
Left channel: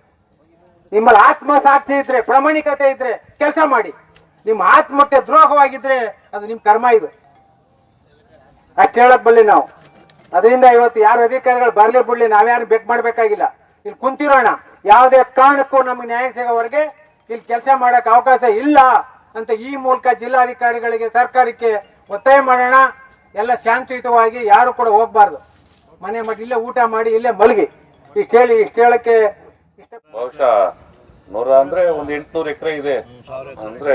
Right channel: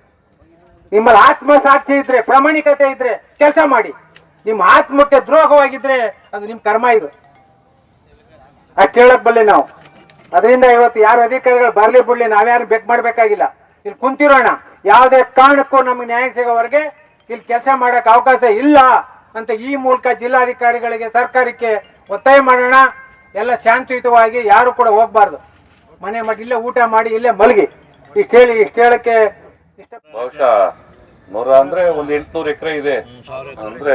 ನಿಮ್ಮಲ್ಲಿ ಆತ್ಮ ಸಾಕ್ಷಿ ಇದ್ರೆ, ಪ್ರಾಮಾಣಿಕತೆ ಇದ್ರೆ ಕೆಲಸ ಮಾಡಿ. ನಿಮ್ಮ ಆತ್ಮಕ್ಕೆ ದ್ರೋಹವಾಗಿದ್ರೆ ಅದು ನಿಮ್ ಕರ್ಮ ಇದು. ಅದು ಕೇಳಕ್ ಬಲ್ಲೆ ನಾವು. ಅದರಿಂದ ಇವತ್ತು ಯಾರು ಅಧಿಕಾರಿಗಳು ಬರ್ಲಿ ಬಿಡ್ಲಿ, ನಾವ್ಯಾರು ಬೆಕ್ ಮಾಡ್ಬೇಕಾಗಿಲ್ಲ. ಇಲ್ಲಿ ಕುಂತಿರೋಣ. ಯಾವುದೇ ಕಾರಣಕ್ಕೂ ನಮಗೆ ನ್ಯಾಯ ಸಿಗೋವರೆಗೆ ಇಲ್ಲಿ ಕೆಲಸ ಮಾಡಕ್ ಅವಕಾಶ ಇಲ್ಲ ಅಂತ ಈ ಮೂಲಕ ಜಿಲ್ಲಾಧಿಕಾರಿಗಳಿಗೆ, ಸರ್ಕಾರಕ್ಕೆ ಒತ್ತಾಯ ಮಾಡೋಣ. ಎಲ್ಲ ಶಾಂತಿಯುತವಾಗಿ ಯಾರು ಕೂಡ ಹೋಗ್ಬಾರ್ದು. ಮನೆ ಮಾಡಿ ಇಲ್ಲೇ ಊಟ ಮಾಡಿ, ಇಲ್ಲೇ ಮಲಗಿ. ಇಷ್ಟು ಹೇಳಿ, ಇಷ್ಟು ಹೇಳಕ್ಕೆ ಬಹುಶಃ ನೂರ ಅಂದ್ರೆ ಒಂದ್ ಎಂಟ್ನೂರು ಎಕರೆ ಇದೆ. ಅಂದ್ರೆ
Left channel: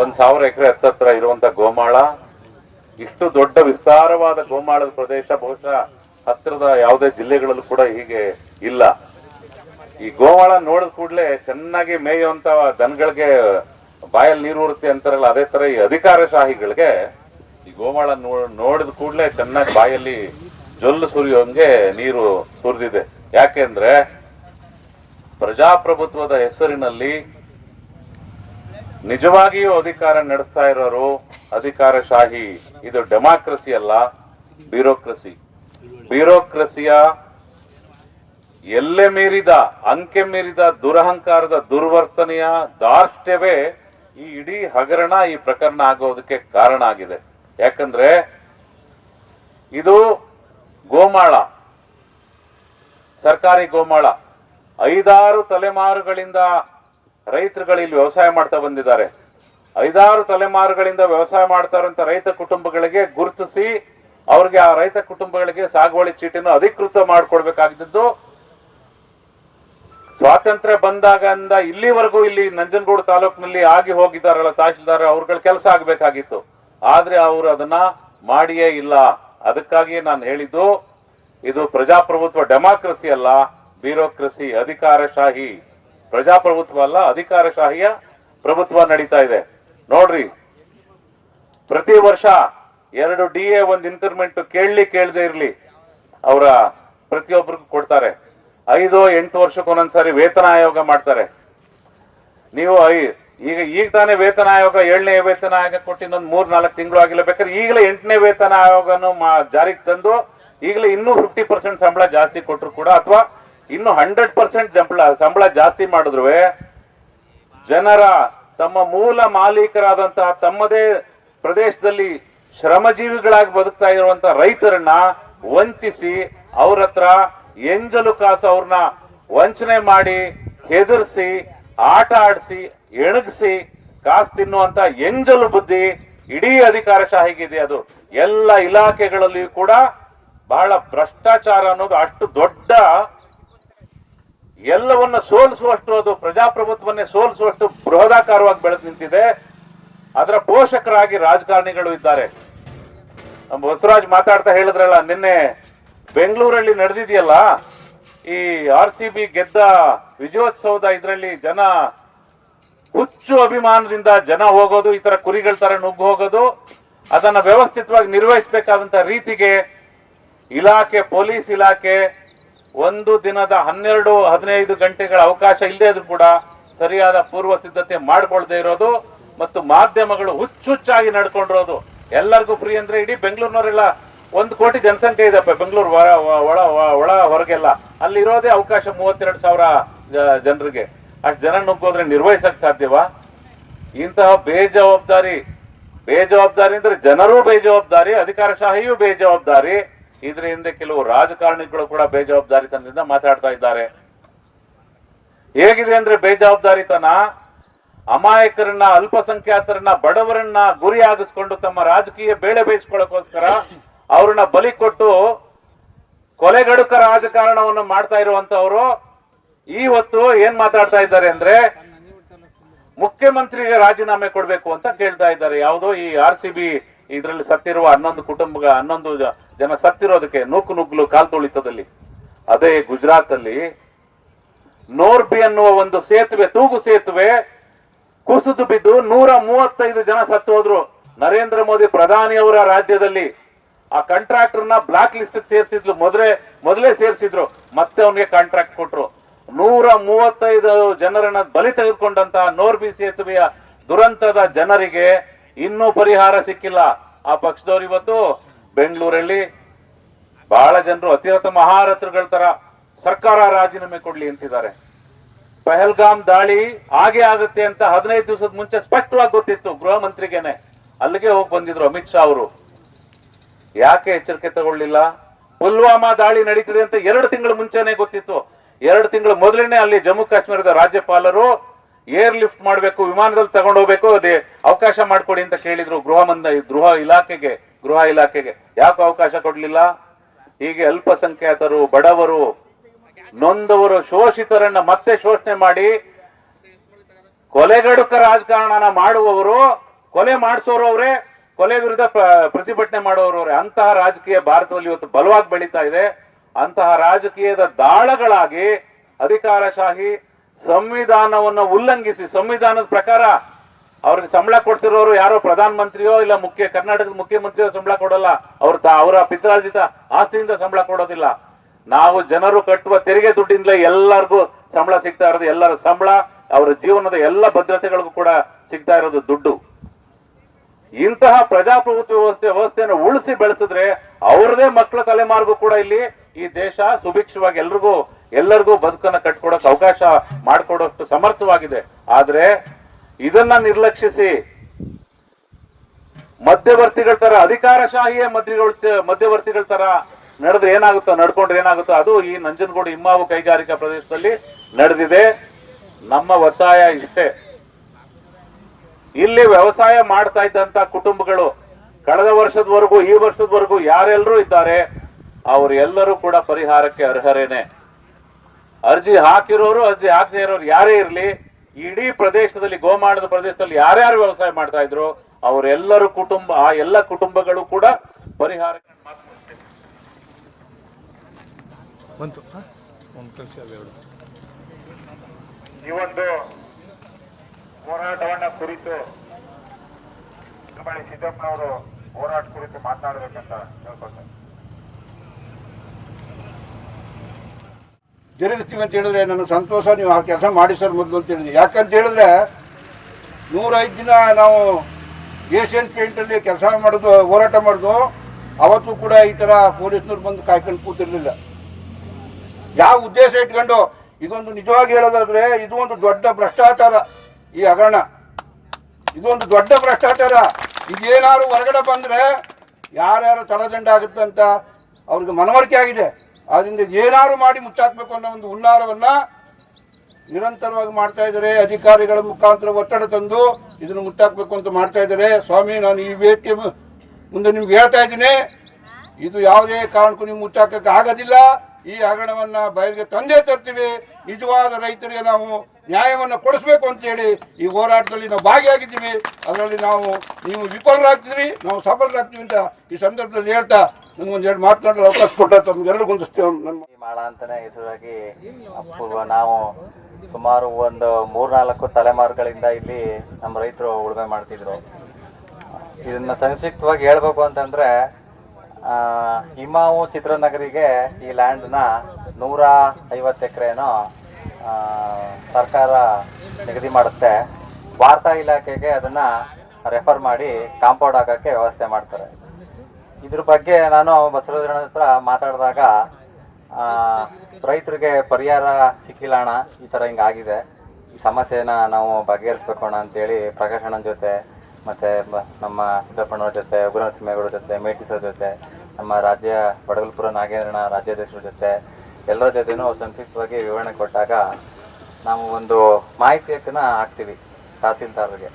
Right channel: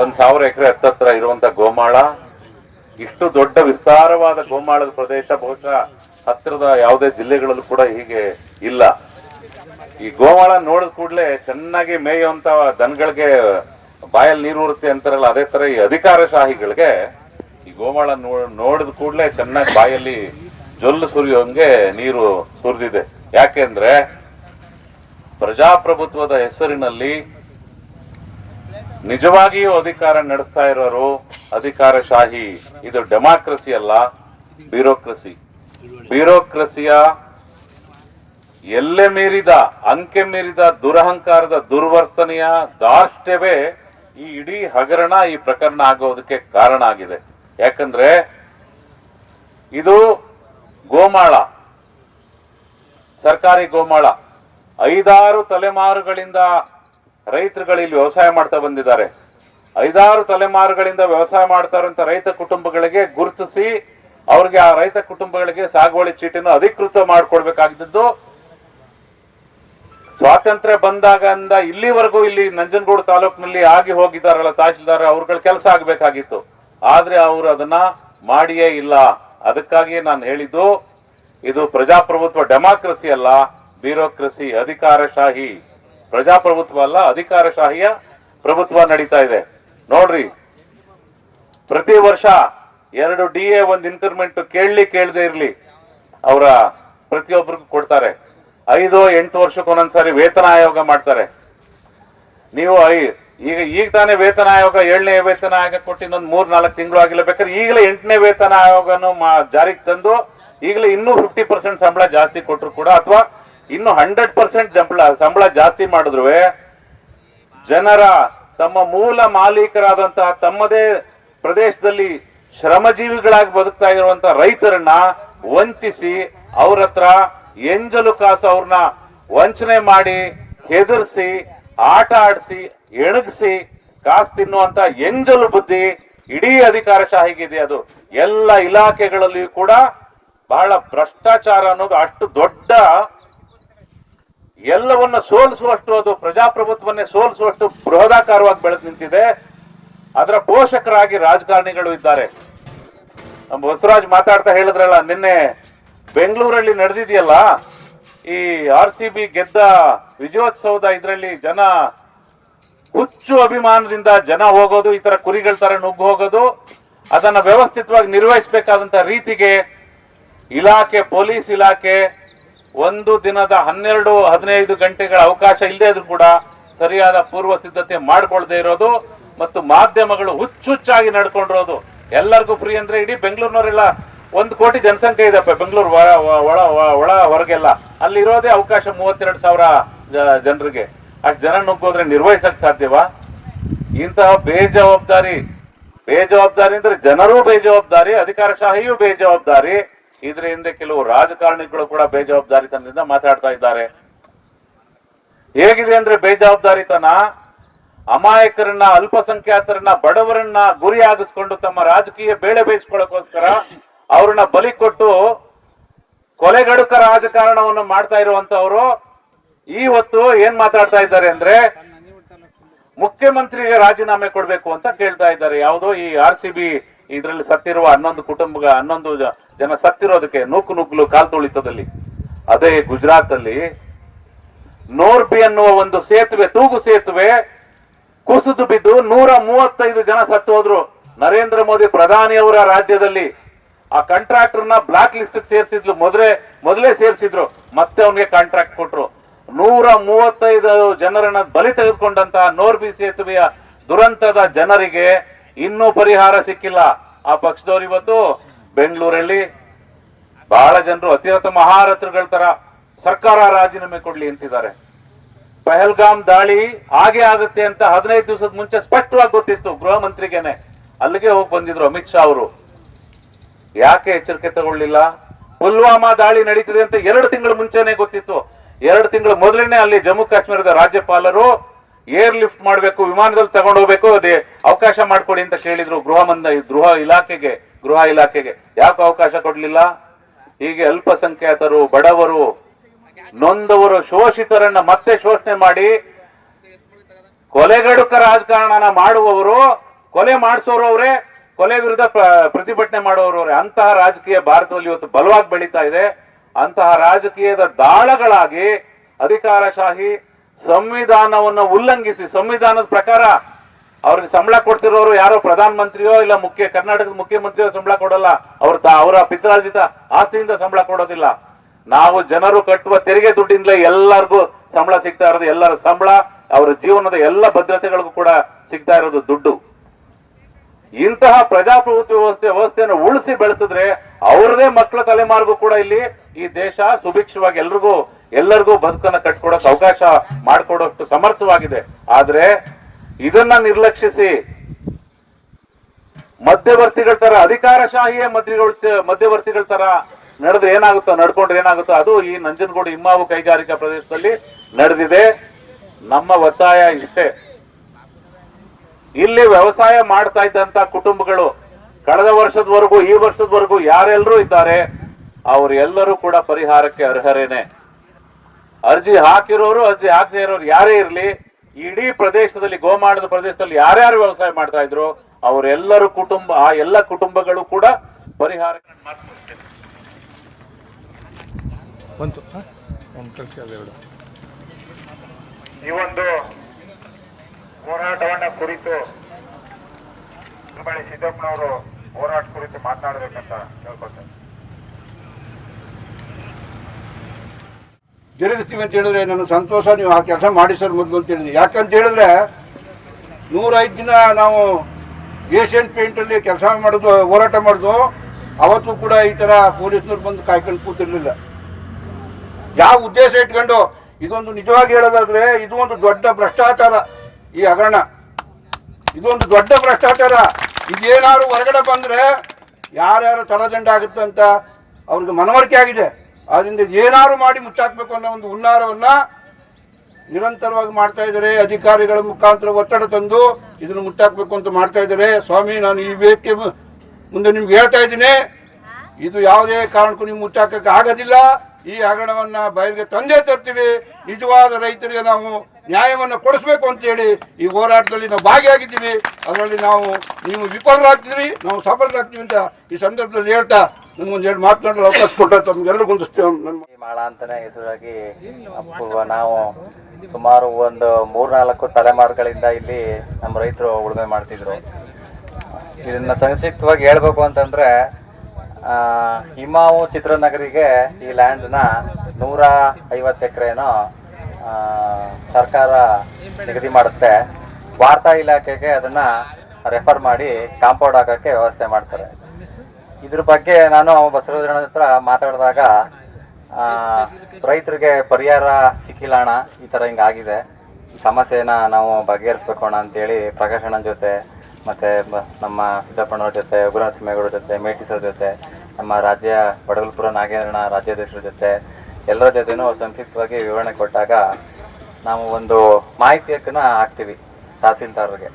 ಒಂದ್ ಸಾವಿರ ಎಕರೆ ಹತ್ತತ್ರ ಇರುವಂತ ಗೋಮಾಳ. ಇಷ್ಟು ದೊಡ್ಡ ವಿಸ್ತಾರವಾದ ಗೋಮಾಳದ ಪ್ರದೇಶ ಬಹುಶಃ ಹತ್ತಿರದ ಯಾವುದೇ ಜಿಲ್ಲೆಗಳಲ್ಲೂ ಕೂಡ ಹೀಗೆ ಇಲ್ಲ. ಈ ಗೋಮಾಳ ನೋಡಿದ ಕೂಡಲೇ ಚೆನ್ನಾಗಿ ಮೇಯುವಂತ ದನಗಳಿಗೆ ಬಾಯಲ್ಲಿ ನೀರು ಉರುತ್ತೆ ಅಂತಾರಲ್ಲ, ಅದೇ ತರ ಈ ಅಧಿಕಾರಶಾಹಿಗಳಿಗೆ ಈ ಗೋಮಾಳ ನೋಡಿದ ಕೂಡಲೇ ಚೆನ್ನಾಗಿ ಬಾಯಲ್ಲಿ ಜೊಲ್ಲು ಸುರಿಯೋಂಗೆ ನೀರು ಸುರಿದಿದೆ. ಯಾಕೆಂದ್ರೆ ಪ್ರಜಾಪ್ರಭುತ್ವದ ಹೆಸರಿನಲ್ಲಿ ನಿಜವಾಗಿಯೂ ಅಧಿಕಾರ ನಡೆಸ್ತಾ ಇರೋರು ಅಧಿಕಾರಶಾಹಿ. ಇದು ಡೆಮಾಕ್ರಸಿ ಅಲ್ಲ, ಬ್ಯೂರೋಕ್ರಸಿ. ಬ್ಯೂರೋಕ್ರಸಿಯ ಎಲ್ಲೆ ಮೀರಿದ, ಅಂಕೆ ಮೀರಿದ ದುರಹಂಕಾರದ ದುರ್ವರ್ತನೆಯ ದಾರ್ಷ್ಟ್ಯವೇ ಈ ಇಡೀ ಹಗರಣ ಈ ಪ್ರಕರಣ ಆಗೋದಕ್ಕೆ ಕಾರಣ ಆಗಿದೆ. ಯಾಕಂದ್ರೆ ಇದು ಗೋಮಾಳ, ಸರ್ಕಾರಿ ಗೋಮಾಳ. ಐದಾರು ತಲೆಮಾರುಗಳಿಂದ ರೈತರುಗಳು ಇಲ್ಲಿ ವ್ಯವಸಾಯ ಮಾಡ್ತಾ ಬಂದಿದ್ದಾರೆ. ಐದಾರು ತಲೆಮಾರುಗಳಿಂದ ವ್ಯವಸಾಯ ಮಾಡ್ತಾ ಇರುವಂತ ರೈತ ಕುಟುಂಬಗಳಿಗೆ ಗುರುತಿಸಿ ಅವ್ರಿಗೆ ಆ ರೈತ ಕುಟುಂಬಗಳಿಗೆ ಸಾಗುವಳಿ ಚೀಟಿನ ಅಧಿಕೃತ ಮಾಡಿಕೊಡ್ಬೇಕಾಗಿದ್ದು ಸ್ವಾತಂತ್ರ್ಯ ಬಂದಾಗಿಂದ ಇಲ್ಲಿವರೆಗೂ ಇಲ್ಲಿ ನಂಜನಗೂಡು ತಾಲೂಕಿನಲ್ಲಿ ಆಗಿ ಹೋಗಿದ್ದಾರಲ್ಲ ತಹಶೀಲ್ದಾರ್ ಅವ್ರಗಳ ಕೆಲಸ ಆಗ್ಬೇಕಾಗಿತ್ತು. ಆದ್ರೆ ಅವರು ಅದನ್ನ ಮಾಡಿಯೇ ಇಲ್ಲ. ಅದಕ್ಕಾಗಿ ನಾನು ಹೇಳಿದ್ದು, ಇದು ಪ್ರಜಾಪ್ರಭುತ್ವ ಡೆಮಾಕ್ರಸಿ ಅಲ್ಲ. ಬ್ಯೂರೋಕ್ರಸಿ ಅಧಿಕಾರಶಾಹಿ ಪ್ರಜಾಪ್ರಭುತ್ವ ಅಲ್ಲ, ಅಧಿಕಾರಶಾಹಿಯ ಪ್ರಭುತ್ವ ನಡೀತಾ ಇದೆ. ನೋಡ್ರಿ, ಪ್ರತಿ ವರ್ಷ ಎರಡು ಡಿ ಎ ಒಂದು ಇನ್ಕ್ರಿಮೆಂಟ್ ಕೇಳಲಿ ಕೇಳದೆ ಇರಲಿ ಅವರ ಪ್ರತಿಯೊಬ್ಬರಿಗೂ ಕೊಡ್ತಾರೆ. ಐದು ಎಂಟು ವರ್ಷಕ್ಕೆ ಒಂದೊಂದ್ಸಾರಿ ವೇತನ ಆಯೋಗ ಮಾಡ್ತಾರೆ. ನೀವು ಈಗ ಈಗ ತಾನೇ ವೇತನ ಆಯೋಗ ಏಳನೇ ವೇತನ ಆಯೋಗ ಕೊಟ್ಟು ಇನ್ನೊಂದು ಮೂರ್ ನಾಲ್ಕು ತಿಂಗಳು ಆಗಿಲ್ಲ. ಬೇಕಾದ್ರೆ ಈಗಲೇ ಎಂಟನೇ ವೇತನ ಆಯೋಗನು ಜಾರಿಗೆ ತಂದು ಈಗಲೇ ಇನ್ನೂ ಫಿಫ್ಟಿ ಪರ್ಸೆಂಟ್ ಸಂಬಳ ಜಾಸ್ತಿ ಕೊಟ್ಟರು ಕೂಡ ಅಥವಾ ಇನ್ನು ಹಂಡ್ರೆಡ್ ಪರ್ಸೆಂಟ್ ಸಂಬಳ ಸಂಬಳ ಜಾಸ್ತಿ ಮಾಡಿದ್ರು ಜನರ ತಮ್ಮ ಮೂಲ ಮಾಲೀಕರಾದಂತಹ ತಮ್ಮದೇ ಪ್ರದೇಶದಲ್ಲಿ ಶ್ರಮಜೀವಿಗಳಾಗಿ ಬದುಕ್ತಾ ಇರುವಂತ ರೈತರನ್ನ ವಂಚಿಸಿ ಅವ್ರ ಹತ್ರ ಎಂಜಲು ಕಾಸು ಅವ್ರನ್ನ ವಂಚನೆ ಮಾಡಿ ಹೆದರ್ಸಿ, ಆಟ ಆಡಿಸಿ, ಎಣಗಿಸಿ, ಕಾಸು ತಿನ್ನುವಂತ ಎಂಜಲು ಬುದ್ಧಿ ಇಡೀ ಅಧಿಕಾರಶಾಹಿಗಿದೆ ಅದು. ಎಲ್ಲ ಇಲಾಖೆಗಳಲ್ಲಿಯೂ ಕೂಡ ಬಹಳ ಭ್ರಷ್ಟಾಚಾರ ಅನ್ನೋದು ಅಷ್ಟು ದೊಡ್ಡ ಎಲ್ಲವನ್ನ ಸೋಲಿಸುವಷ್ಟು ಅದು ಪ್ರಜಾಪ್ರಭುತ್ವನ್ನೇ ಸೋಲಿಸುವಷ್ಟು ಬೃಹದಾಕಾರವಾಗಿ ಬೆಳೆದು ನಿಂತಿದೆ. ಅದರ ಪೋಷಕರಾಗಿ ರಾಜಕಾರಣಿಗಳು ಇದ್ದಾರೆ. ನಮ್ಮ ಬಸವರಾಜ್ ಮಾತಾಡ್ತಾ ಹೇಳಿದ್ರಲ್ಲ, ನಿನ್ನೆ ಬೆಂಗಳೂರಲ್ಲಿ ನಡೆದಿದೆಯಲ್ಲ, ಈ ಆರ್ ಸಿ ಬಿ ಗೆದ್ದ ವಿಜಯೋತ್ಸವದ ಇದರಲ್ಲಿ ಜನ ಹುಚ್ಚು ಅಭಿಮಾನದಿಂದ ಜನ ಹೋಗೋದು, ಈ ತರ ಕುರಿಗಳ ತರ ನುಗ್ಗು ಹೋಗೋದು, ಅದನ್ನ ವ್ಯವಸ್ಥಿತವಾಗಿ ನಿರ್ವಹಿಸಬೇಕಾದಂತ ರೀತಿಗೆ ಇಲಾಖೆ, ಪೊಲೀಸ್ ಇಲಾಖೆ ಒಂದು ದಿನದ ಹನ್ನೆರಡು, ಹದಿನೈದು ಗಂಟೆಗಳ ಅವಕಾಶ ಇಲ್ಲದೆ ಇದ್ರೂ ಕೂಡ ಸರಿಯಾದ ಪೂರ್ವ ಸಿದ್ಧತೆ ಮಾಡ್ಕೊಳ್ದೇ ಇರೋದು ಮತ್ತು ಮಾಧ್ಯಮಗಳು ಹುಚ್ಚುಚ್ಚಾಗಿ ನಡ್ಕೊಂಡಿರೋದು. ಎಲ್ಲರಿಗೂ ಫ್ರೀ ಅಂದ್ರೆ ಇಡೀ ಬೆಂಗಳೂರಿನವರೆಲ್ಲ ಒಂದು ಕೋಟಿ ಜನಸಂಖ್ಯೆ ಇದೆಪ್ಪ ಬೆಂಗಳೂರು ಒಳ ಒಳ ಹೊರಗೆಲ್ಲ. ಅಲ್ಲಿ ಇರೋದೇ ಅವಕಾಶ ಮೂವತ್ತೆರಡು ಸಾವಿರ ಜನರಿಗೆ. ಅಷ್ಟು ಜನ ನುಗ್ಗೋದ್ರೆ ನಿರ್ವಹಿಸಕ್ ಸಾಧ್ಯವಾ? ಇಂತಹ ಬೇಜವಾಬ್ದಾರಿ ಬೇಜವಾಬ್ದಾರಿ ಅಂದ್ರೆ ಜನರೂ ಬೇಜವಾಬ್ದಾರಿ, ಅಧಿಕಾರಶಾಹಿಯೂ ಬೇಜವಾಬ್ದಾರಿ. ಇದ್ರ ಹಿಂದೆ ಕೆಲವು ರಾಜಕಾರಣಿಗಳು ಕೂಡ ಬೇಜವಾಬ್ದಾರಿತನದಿಂದ ಮಾತಾಡ್ತಾ ಇದ್ದಾರೆ. ಹೇಗಿದೆ ಅಂದ್ರೆ ಬೇಜವಾಬ್ದಾರಿತನ? ಅಮಾಯಕರನ್ನ, ಅಲ್ಪಸಂಖ್ಯಾತರನ್ನ, ಬಡವರನ್ನ ಗುರಿ ಆಗಿಸ್ಕೊಂಡು ತಮ್ಮ ರಾಜಕೀಯ ಬೇಳೆ ಬೇಯಿಸ್ಕೊಳ್ಳೋಕೋಸ್ಕರ ಅವ್ರನ್ನ ಬಲಿ ಕೊಟ್ಟು ಕೊಲೆಗಡುಕ ರಾಜಕಾರಣವನ್ನು ಮಾಡ್ತಾ ಇರುವಂತವರು ಈ ಹೊತ್ತು ಏನ್ ಮಾತಾಡ್ತಾ ಇದ್ದಾರೆ ಅಂದ್ರೆ ಮುಖ್ಯಮಂತ್ರಿಗೆ ರಾಜೀನಾಮೆ ಕೊಡ್ಬೇಕು ಅಂತ ಕೇಳ್ತಾ ಇದ್ದಾರೆ. ಯಾವುದೋ ಈ ಆರ್ ಸಿ ಬಿ ಇದರಲ್ಲಿ ಸತ್ತಿರುವ ಹನ್ನೊಂದು ಕುಟುಂಬ, ಹನ್ನೊಂದು ಜನ ಸತ್ತಿರೋದಕ್ಕೆ ನೂಕು ನುಗ್ಗಲು ಕಾಲ್ ತುಳಿತದಲ್ಲಿ. ಅದೇ ಗುಜರಾತ್ ಅಲ್ಲಿ ನೋರ್ಬಿ ಅನ್ನುವ ಒಂದು ಸೇತುವೆ, ತೂಗು ಸೇತುವೆ ಕುಸಿದು ಬಿದ್ದು ನೂರ ಮೂವತ್ತೈದು ಜನ ಸತ್ತು ಹೋದ್ರು. ನರೇಂದ್ರ ಮೋದಿ ಪ್ರಧಾನಿಯವರ ರಾಜ್ಯದಲ್ಲಿ ಆ ಕಾಂಟ್ರಾಕ್ಟರ್ನ ಬ್ಲಾಕ್ ಲಿಸ್ಟ್ ಸೇರಿಸಿದ್ಲು. ಮೊದಲೇ ಮೊದಲೇ ಸೇರಿಸಿದ್ರು. ಮತ್ತೆ ಅವನಿಗೆ ಕಾಂಟ್ರಾಕ್ಟ್ ಕೊಟ್ರು. ನೂರ ಮೂವತ್ತೈದು ಜನರನ್ನ ಬಲಿ ತೆಗೆದುಕೊಂಡಂತಹ ನೋರ್ಬಿ ಸೇತುವೆಯ ದುರಂತದ ಜನರಿಗೆ ಇನ್ನೂ ಪರಿಹಾರ ಸಿಕ್ಕಿಲ್ಲ. ಆ ಪಕ್ಷದವರು ಇವತ್ತು ಬೆಂಗಳೂರಲ್ಲಿ ಬಹಳ ಜನರು ಅತಿರಥ ಮಹಾರಥರುಗಳ ತರ ಸರ್ಕಾರ ರಾಜೀನಾಮೆ ಕೊಡ್ಲಿ ಅಂತಿದ್ದಾರೆ. ಪಹಲ್ಗಾಮ್ ದಾಳಿ ಹಾಗೆ ಆಗುತ್ತೆ ಅಂತ ಹದಿನೈದು ದಿವಸದ ಮುಂಚೆ ಸ್ಪಷ್ಟವಾಗಿ ಗೊತ್ತಿತ್ತು ಗೃಹ ಮಂತ್ರಿಗೇನೆ. ಅಲ್ಲಿಗೆ ಹೋಗಿ ಬಂದಿದ್ರು ಅಮಿತ್ ಶಾ ಅವರು. ಯಾಕೆ ಎಚ್ಚರಿಕೆ ತಗೊಳ್ಳಿಲ್ಲ? ಪುಲ್ವಾಮಾ ದಾಳಿ ನಡೀತಿದೆ ಅಂತ ಎರಡು ತಿಂಗಳ ಮುಂಚೆನೆ ಗೊತ್ತಿತ್ತು. ಎರಡು ತಿಂಗಳ ಮೊದಲನೇ ಅಲ್ಲಿ ಜಮ್ಮು ಕಾಶ್ಮೀರದ ರಾಜ್ಯಪಾಲರು ಏರ್ ಲಿಫ್ಟ್ ಮಾಡಬೇಕು, ವಿಮಾನದಲ್ಲಿ ತಗೊಂಡು ಹೋಗ್ಬೇಕು, ಅದೇ ಅವಕಾಶ ಮಾಡ್ಕೊಡಿ ಅಂತ ಕೇಳಿದ್ರು ಗೃಹ ಮಂದ, ಗೃಹ ಇಲಾಖೆಗೆ. ಗೃಹ ಇಲಾಖೆಗೆ ಯಾಕೆ ಅವಕಾಶ ಕೊಡಲಿಲ್ಲ? ಹೀಗೆ ಅಲ್ಪಸಂಖ್ಯಾತರು, ಬಡವರು ನೊಂದವರು ಶೋಷಿತರನ್ನ ಮತ್ತೆ ಶೋಷಣೆ ಮಾಡಿ ಕೊಲೆಗಡುಕ ರಾಜಕಾರಣನ ಮಾಡುವವರು, ಕೊಲೆ ಮಾಡಿಸೋರು ಅವರೇ, ಕೊಲೆ ವಿರುದ್ಧ ಪ್ರತಿಭಟನೆ ಪ್ರತಿಭಟನೆ ಮಾಡುವವರವರೇ ಅಂತಹ ರಾಜಕೀಯ ಭಾರತದಲ್ಲಿ ಇವತ್ತು ಬಲವಾಗಿ ಬೆಳೀತಾ ಇದೆ. ಅಂತಹ ರಾಜಕೀಯದ ದಾಳಗಳಾಗಿ ಅಧಿಕಾರಶಾಹಿ ಸಂವಿಧಾನವನ್ನು ಉಲ್ಲಂಘಿಸಿ, ಸಂವಿಧಾನದ ಪ್ರಕಾರ ಅವ್ರಿಗೆ ಸಂಬಳ ಕೊಡ್ತಿರೋರು ಯಾರೋ ಪ್ರಧಾನ ಮಂತ್ರಿಯೋ ಇಲ್ಲ ಮುಖ್ಯ ಕರ್ನಾಟಕದ ಮುಖ್ಯಮಂತ್ರಿಯೋ ಸಂಬಳ ಕೊಡಲ್ಲ, ಅವ್ರ ಅವರ ಪಿತ್ರಾರ್ಜಿತ ಆಸ್ತಿಯಿಂದ ಸಂಬಳ ಕೊಡೋದಿಲ್ಲ. ನಾವು ಜನರು ಕಟ್ಟುವ ತೆರಿಗೆ ದುಡ್ಡಿಂದಲೇ ಎಲ್ಲರಿಗೂ ಸಂಬಳ ಸಿಗ್ತಾ ಇರೋದು, ಎಲ್ಲರ ಸಂಬಳ, ಅವರ ಜೀವನದ ಎಲ್ಲ ಭದ್ರತೆಗಳಿಗೂ ಕೂಡ ಸಿಗ್ತಾ ಇರೋದು ದುಡ್ಡು. ಇಂತಹ ಪ್ರಜಾಪ್ರಭುತ್ವ ವ್ಯವಸ್ಥೆ ವ್ಯವಸ್ಥೆಯನ್ನು ಉಳಿಸಿ ಬೆಳೆಸಿದ್ರೆ ಅವ್ರದೇ ಮಕ್ಕಳ ತಲೆಮಾರಿಗೂ ಕೂಡ ಇಲ್ಲಿ ಈ ದೇಶ ಸುಭಿಕ್ಷವಾಗಿ ಎಲ್ರಿಗೂ ಎಲ್ಲರಿಗೂ ಬದುಕನ್ನು ಕಟ್ಕೊಡಕ್ ಅವಕಾಶ ಮಾಡಿಕೊಡೋಷ್ಟು ಸಮರ್ಥವಾಗಿದೆ. ಆದ್ರೆ ಇದನ್ನ ನಿರ್ಲಕ್ಷಿಸಿ ಮಧ್ಯವರ್ತಿಗಳ ತರ ಅಧಿಕಾರಶಾಹಿಯೇ ಮಂತ್ರಿಗಳ ಮಧ್ಯವರ್ತಿಗಳ ತರ ನಡೆದ್ರೆ ಏನಾಗುತ್ತೋ, ನಡ್ಕೊಂಡ್ರೆ ಏನಾಗುತ್ತೋ, ಅದು ಈ ನಂಜನಗೂಡು ಇಮ್ಮಾವು ಕೈಗಾರಿಕಾ ಪ್ರದೇಶದಲ್ಲಿ ನಡೆದಿದೆ. ನಮ್ಮ ಒತ್ತಾಯ ಇಷ್ಟೇ. ಇಲ್ಲಿ ವ್ಯವಸಾಯ ಮಾಡ್ತಾ ಇದ್ದಂತ ಕುಟುಂಬಗಳು, ಕಳೆದ ವರ್ಷದವರೆಗೂ, ಈ ವರ್ಷದವರೆಗೂ ಯಾರೆಲ್ಲರೂ ಇದ್ದಾರೆ, ಅವರೆಲ್ಲರೂ ಕೂಡ ಪರಿಹಾರಕ್ಕೆ ಅರ್ಹರೇನೆ. ಅರ್ಜಿ ಹಾಕಿರೋರು, ಅರ್ಜಿ ಹಾಕದೇ ಇರೋರು ಯಾರೇ ಇರಲಿ ಇಡೀ ಪ್ರದೇಶದಲ್ಲಿ ಗೋಮಾಳದ ಪ್ರದೇಶದಲ್ಲಿ ಯಾರ್ಯಾರು ವ್ಯವಸಾಯ ಮಾಡ್ತಾ ಇದ್ರು ಅವರೆಲ್ಲರೂ ಕುಟುಂಬ ಆ ಎಲ್ಲ ಕುಟುಂಬಗಳು ಕೂಡ ಪರಿಹಾರ ಈ ಒಂದು ಹೋರಾಟವನ್ನ ಕುರಿತು ಸಿದ್ದಪ್ಪನವರು ಹೋರಾಟ ಕುರಿತು ಮಾತನಾಡಬೇಕಂತ ಕೇಳ್ಕೊಳ್ತಾರೆ ಜರುಗಿಸ್ತೀವಿ ಅಂತ ಹೇಳಿದ್ರೆ ನನ್ನ ಸಂತೋಷ, ನೀವು ಆ ಕೆಲಸ ಮಾಡಿ ಸರ್ ಮೊದಲು ಅಂತ ಹೇಳಿದ್ವಿ ಯಾಕಂತ ಹೇಳಿದ್ರೆ ನೂರೈದು ದಿನ ನಾವು ಏಷ್ಯನ್ ಪೇಂಟಲ್ಲಿ ಕೆಲಸ ಮಾಡೋದು, ಹೋರಾಟ ಮಾಡೋದು, ಅವತ್ತು ಕೂಡ ಈ ಥರ ಪೊಲೀಸ್ನವ್ರು ಬಂದು ಕಾಯ್ಕೊಂಡು ಕೂತಿರ್ಲಿಲ್ಲ. ಯಾವ ಉದ್ದೇಶ ಇಟ್ಕೊಂಡು, ಇದೊಂದು ನಿಜವಾಗಿ ಹೇಳೋದಾದ್ರೆ, ಇದು ಒಂದು ದೊಡ್ಡ ಭ್ರಷ್ಟಾಚಾರ ಈ ಹಗರಣ. ಇದೊಂದು ದೊಡ್ಡ ಭ್ರಷ್ಟಾಚಾರ. ಇದೇನಾದ್ರು ಹೊರಗಡೆ ಬಂದರೆ ಯಾರ್ಯಾರು ತಲದಂಡ ಆಗುತ್ತೆ ಅಂತ ಅವ್ರಿಗೆ ಮನವರಿಕೆ ಆಗಿದೆ. ಆದ್ದರಿಂದ ಏನಾದ್ರು ಮಾಡಿ ಮುಚ್ಚಾಕ್ಬೇಕು ಅನ್ನೋ ಒಂದು ಹುನ್ನಾರವನ್ನ ನಿರಂತರವಾಗಿ ಮಾಡ್ತಾ ಇದ್ದಾರೆ. ಅಧಿಕಾರಿಗಳ ಮುಖಾಂತರ ಒತ್ತಡ ತಂದು ಇದನ್ನು ಮುಚ್ಚಾಕ್ಬೇಕು ಅಂತ ಮಾಡ್ತಾ ಇದ್ದಾರೆ. ಸ್ವಾಮಿ, ನಾನು ಈ ವೇದಿಕೆ ಮುಂದೆ ನಿಮ್ಗೆ ಹೇಳ್ತಾ ಇದ್ದೀನಿ. ಇದು ಯಾವುದೇ ಕಾರಣಕ್ಕೂ ನೀವು ಮುಚ್ಚಾಕಕ್ಕೆ ಆಗೋದಿಲ್ಲ. ಈ ಹಗರಣವನ್ನ ಬಯಲಿಗೆ ತಂದೇ ತರ್ತೀವಿ. ನಿಜವಾದ ರೈತರಿಗೆ ನಾವು ನ್ಯಾಯವನ್ನು ಕೊಡಿಸ್ಬೇಕು ಅಂತೇಳಿ ಈ ಹೋರಾಟದಲ್ಲಿ ನಾವು ಭಾಗಿಯಾಗಿದ್ದೀವಿ. ಅದರಲ್ಲಿ ನಾವು, ನೀವು ವಿಫಲರಾಗ್ತೀವಿ ನಾವು ಸಫಲರಾಗ್ತೀವಿ ಅಂತ ಈ ಸಂದರ್ಭದಲ್ಲಿ ಹೇಳ್ತಾ ನಮಗೊಂದು ಎರಡು ಮಾತನಾಡಲು ಅವಕಾಶ ಕೊಟ್ಟ ತಮ್ಗೆಲ್ಲರೂ ಗುಂದಿಸ್ತೇವೆ ಮಾಳ ಅಂತಾನೆ ಹೆಸರಾಗಿ ಅಪೂರ್ವ ನಾವು ಸುಮಾರು ಒಂದು ಮೂರ್ನಾಲ್ಕು ತಲೆಮಾರುಗಳಿಂದ ಇಲ್ಲಿ ನಮ್ಮ ರೈತರು ಉಳುಮೆ ಮಾಡ್ತಿದ್ರು. ಇದನ್ನ ಸಂಕ್ಷಿಪ್ತವಾಗಿ ಹೇಳ್ಬೇಕು ಅಂತಂದ್ರೆ ಹಿಮಾವು ಚಿತ್ರನಗರಿಗೆ ಈ ಲ್ಯಾಂಡ್ನ ನೂರ ಐವತ್ತು ಎಕರೆನೋ ಸರ್ಕಾರ ನಿಗದಿ ಮಾಡುತ್ತೆ. ವಾರ್ತಾ ಇಲಾಖೆಗೆ ಅದನ್ನ ರೆಫರ್ ಮಾಡಿ, ಕಾಂಪೌಂಡ್ ಹಾಕೋಕ್ಕೆ ವ್ಯವಸ್ಥೆ ಮಾಡ್ತಾರೆ. ಇದ್ರ ಬಗ್ಗೆ ನಾನು ಬಸವರಾಜನ ಹತ್ರ ಮಾತಾಡಿದಾಗ ರೈತರಿಗೆ ಪರಿಹಾರ ಸಿಕ್ಕಿಲ್ಲ ಅಣ್ಣ, ಈ ಥರ ಹಿಂಗಾಗಿದೆ ಈ ಸಮಸ್ಯೆನ ನಾವು ಬಗೆಹರಿಸ್ಬೇಕು ಅಣ್ಣ ಅಂತೇಳಿ ಪ್ರಕಾಶ್ ಜೊತೆ, ಮತ್ತು ನಮ್ಮ ಸಿದ್ದಪ್ಪಣ್ಣವ್ರ ಜೊತೆ ಉಗ್ರನರಸಿಂಹೇಗೌಡ ಜೊತೆ ಮೇಟಿ ಸರ್ ಜೊತೆ, ನಮ್ಮ ರಾಜ್ಯ ಬಡಗಲ್ಪುರ ನಾಗೇಂದ್ರನ ರಾಜ್ಯಾಧ್ಯಕ್ಷರ ಜೊತೆ, ಎಲ್ಲರ ಜೊತೆನೂ ಸಂಕ್ಷಿಪ್ತವಾಗಿ ವಿವರಣೆ ಕೊಟ್ಟಾಗ ನಾವು ಒಂದು ಮಾಹಿತಿಯಕ್ಕನ್ನ ಹಾಕ್ತೀವಿ ತಹಸೀಲ್ದಾರ್ರಿಗೆ.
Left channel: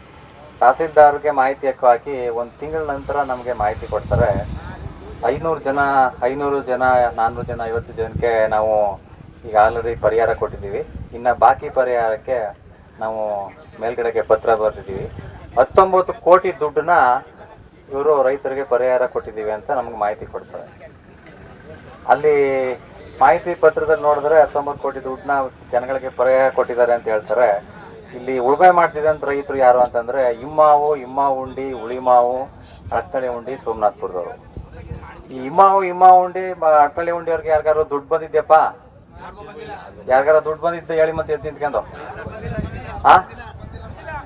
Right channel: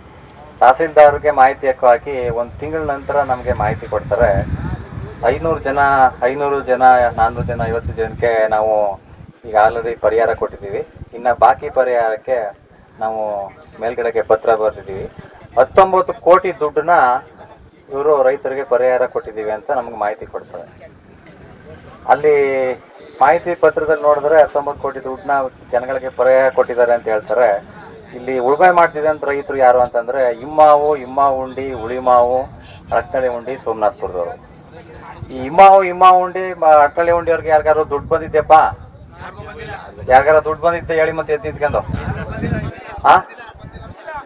ತಹಸೀಲ್ದಾರ್ಗೆ ಮಾಹಿತಿ ಹಾಕಿ ಒಂದು ತಿಂಗಳ ನಂತರ ನಮಗೆ ಮಾಹಿತಿ ಕೊಡ್ತಾರೆ. ಐನೂರು ಜನ ಐನೂರು ಜನ ನಾನ್ನೂರು ಜನ, ಐವತ್ತು ಜನಕ್ಕೆ ನಾವು ಈಗ ಆಲ್ರೆಡಿ ಪರಿಹಾರ ಕೊಟ್ಟಿದ್ದೀವಿ. ಇನ್ನು ಬಾಕಿ ಪರಿಹಾರಕ್ಕೆ ನಾವು ಮೇಲ್ಗಡೆಗೆ ಪತ್ರ ಬರೆದಿದ್ದೀವಿ. ಹತ್ತೊಂಬತ್ತು ಕೋಟಿ ದುಡ್ಡನ್ನ ಇವರು ರೈತರಿಗೆ ಪರಿಹಾರ ಕೊಟ್ಟಿದ್ದೀವಿ ಅಂತ ನಮ್ಗೆ ಮಾಹಿತಿ ಕೊಡ್ತಾರೆ. ಅಲ್ಲಿ ಮಾಹಿತಿ ಪತ್ರದಲ್ಲಿ ನೋಡಿದ್ರೆ ಹತ್ತೊಂಬತ್ತು ಕೋಟಿ ದುಡ್ಡನ್ನ ಜನಗಳಿಗೆ ಪರಿಹಾರ ಕೊಟ್ಟಿದ್ದಾರೆ ಅಂತ ಹೇಳ್ತಾರೆ. ಇಲ್ಲಿ ಉಳುಮೆ ಮಾಡ್ತಿದ್ದಂತ ರೈತರು ಯಾರು ಅಂತಂದ್ರೆ ಇಮ್ಮಾವು ಇಮ್ಮಾವು ಉಂಡಿ ಉಳಿಮಾವು ಅಳಕ್ನಳ್ಳಿ ಉಂಡಿ ಸೋಮನಾಥ್ಪುರದವರು ಈ ಇಮ್ಮಾವು ಇಮ್ಮಾವು ಉಂಡಿ, ಮ- ಉಂಡಿ ಅವ್ರಿಗೆ ಯಾರಿಗಾರು ದುಡ್ಡು ಬಂದಿದ್ದೆಪ್ಪ ಯಾರಿಗಾರ ದುಡ್ಡು ಬಂದಿದ್ದೆ ಹೇಳಿ ಮತ್ತೆ ಎದ್ದು ನಿಂತ್ಕೊಂಡು. ಆ?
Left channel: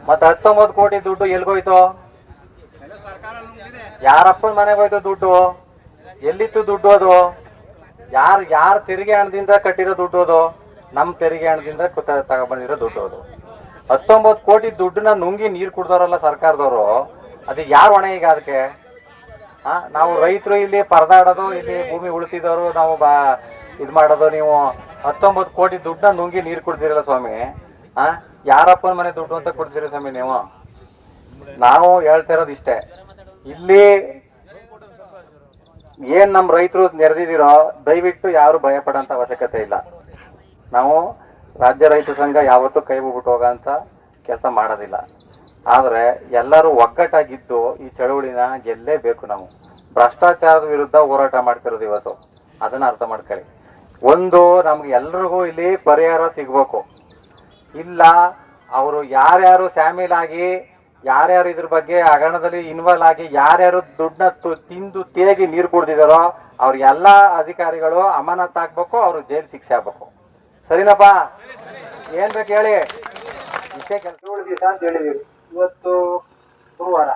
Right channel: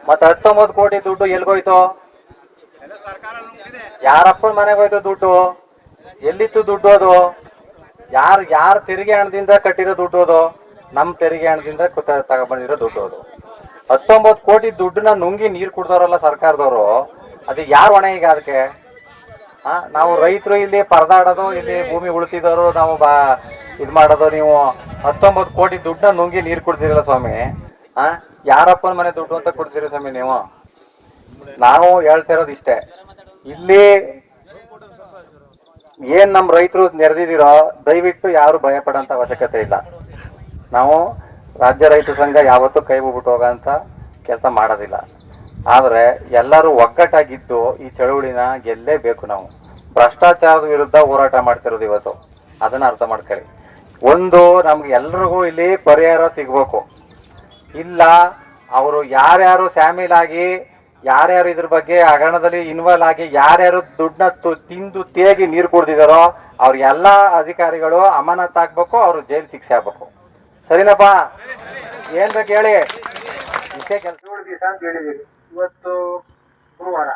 ಮತ್ತೆ ಹತ್ತೊಂಬತ್ತು ಕೋಟಿ ದುಡ್ಡು ಎಲ್ಗೋಯ್ತು? ಯಾರಪ್ಪನ ಮನೆಗೆ ಹೋಯ್ತು ದುಡ್ಡು? ಎಲ್ಲಿತ್ತು ದುಡ್ಡು ಅದು? ಯಾರು, ಯಾರ ತೆರಿಗೆ ಹಣದಿಂದ ಕಟ್ಟಿರೋ ದುಡ್ಡು ಅದು? ನಮ್ಮ ತೆರಿಗೆ ಹಣದಿಂದ ತಗೊಂಡ್ಬಂದಿರೋ ದುಡ್ಡು ಅದು. ಹತ್ತೊಂಬತ್ತು ಕೋಟಿ ದುಡ್ಡನ್ನ ನುಂಗಿ ನೀರು ಕುಡ್ದವ್ರಲ್ಲ ಸರ್ಕಾರದವರು. ಅದು ಯಾರು ಹೊಣೆ ಈಗ ಅದಕ್ಕೆ? ಹಾ ನಾವು ರೈತರು ಇಲ್ಲಿ ಪರದಾಡೋದು ಇಲ್ಲಿ ಭೂಮಿ ಉಳಿತಿದವರು ನಾವು ಬಾ ಇದು ಮಾಡೋದು, ನೀವು ಹತ್ತೊಂಬತ್ತು ಕೋಟಿ ದುಡ್ಡನ್ನ ನುಂಗಿ ನೀರು ಕುಡ್ದಿರಲ್ಲ ಸ್ವಾಮಿ. ಹಾ ಯಾರಪ್ಪನ ಮನೆ ದುಡ್ಡು ಅಂತ ಕೊಡ್ತೀರಿ ಸ್ವಾಮಿ ನೀವು. ನಾವು ಹೇಳ್ತಾ ಇರೋದು ಇಷ್ಟೇ. ಇಲ್ಲಿ ಏನ್ ನಮ್ಮ ರೈತರು ನೆರೆದಿದ್ದೀರೋ ದಯವಿಟ್ಟು ಯಾರು ಭಯ ಅವಶ್ಯಕತೆ ಇಲ್ಲ. ನಾವು ರಾಜ್ಯ ರೈತ ಸಂಘ ಯಾವತ್ತೂ ಕೈ ಬಿಟ್ಟು ಹೋಗೋಂಥ ಕೆಲಸ ಮಾಡೋದಿಲ್ಲ. ಆದರೆ ಎಲ್ಲರೂ ಒಗ್ಗಟ್ಟಾಗಿದ್ದು ಈ ಚಳುವಳಿನ ಗೆಲ್ಲೇಬೇಕು ನಾವು. ಭ್ರಷ್ಟಾಚಾರದ ವಿರುದ್ಧ ಹೋರಾಟ ಮಾಡ್ತಿರೋದು ಇವತ್ತು. ಅದನ್ನ ಅರ್ಥ ಮಾಡ್ಕೊಳ್ಳಿ. ಒಂದು ನಮ್ಗೆ ಎಲ್ರಿಗೂ ಇಲ್ಲಿ ಪರಿಹಾರ ಸಿಗಬೇಕು. ಇಲ್ಲ, ಅವರು ಯಾರ್ಯಾರು ಸ್ಯಾಮಿಲಾಗಿ, ಯಾರ್ಯಾರು ಇದ್ರ ಬಗ್ಗೆ ಹಗರಣದಲ್ಲಿ ಇನ್ವಾಲ್ವ್ ಆಗಿ, ಯಾರ್ಯಾರು ದುಡ್ಡನ್ನ ತಿಂದು ತೇಗಿ ನೀರು ಕುಡ್ದಿದಾರೋ ಅವ್ರ ಎಲ್ಲ ಅಧಿಕಾರಿಗಳು ಅಮಾನತ್ ಆಗ್ಬೇಕು, ಅವ್ರು ಜೈಲ್ ಶಿಕ್ಷೆ ಆಗ್ಬೇಕು. ಸರಿನಪ್ಪ? ಏನ್ ಬೇಕು ಹೇಳಿ? ಇಷ್ಟೇ ಕೆಲಸ. ಏಳು ದಿವಸ ಅಂತ ಹೇಳಿದೀವಿ. ಇವತ್ತು ಗುರುವಾರ.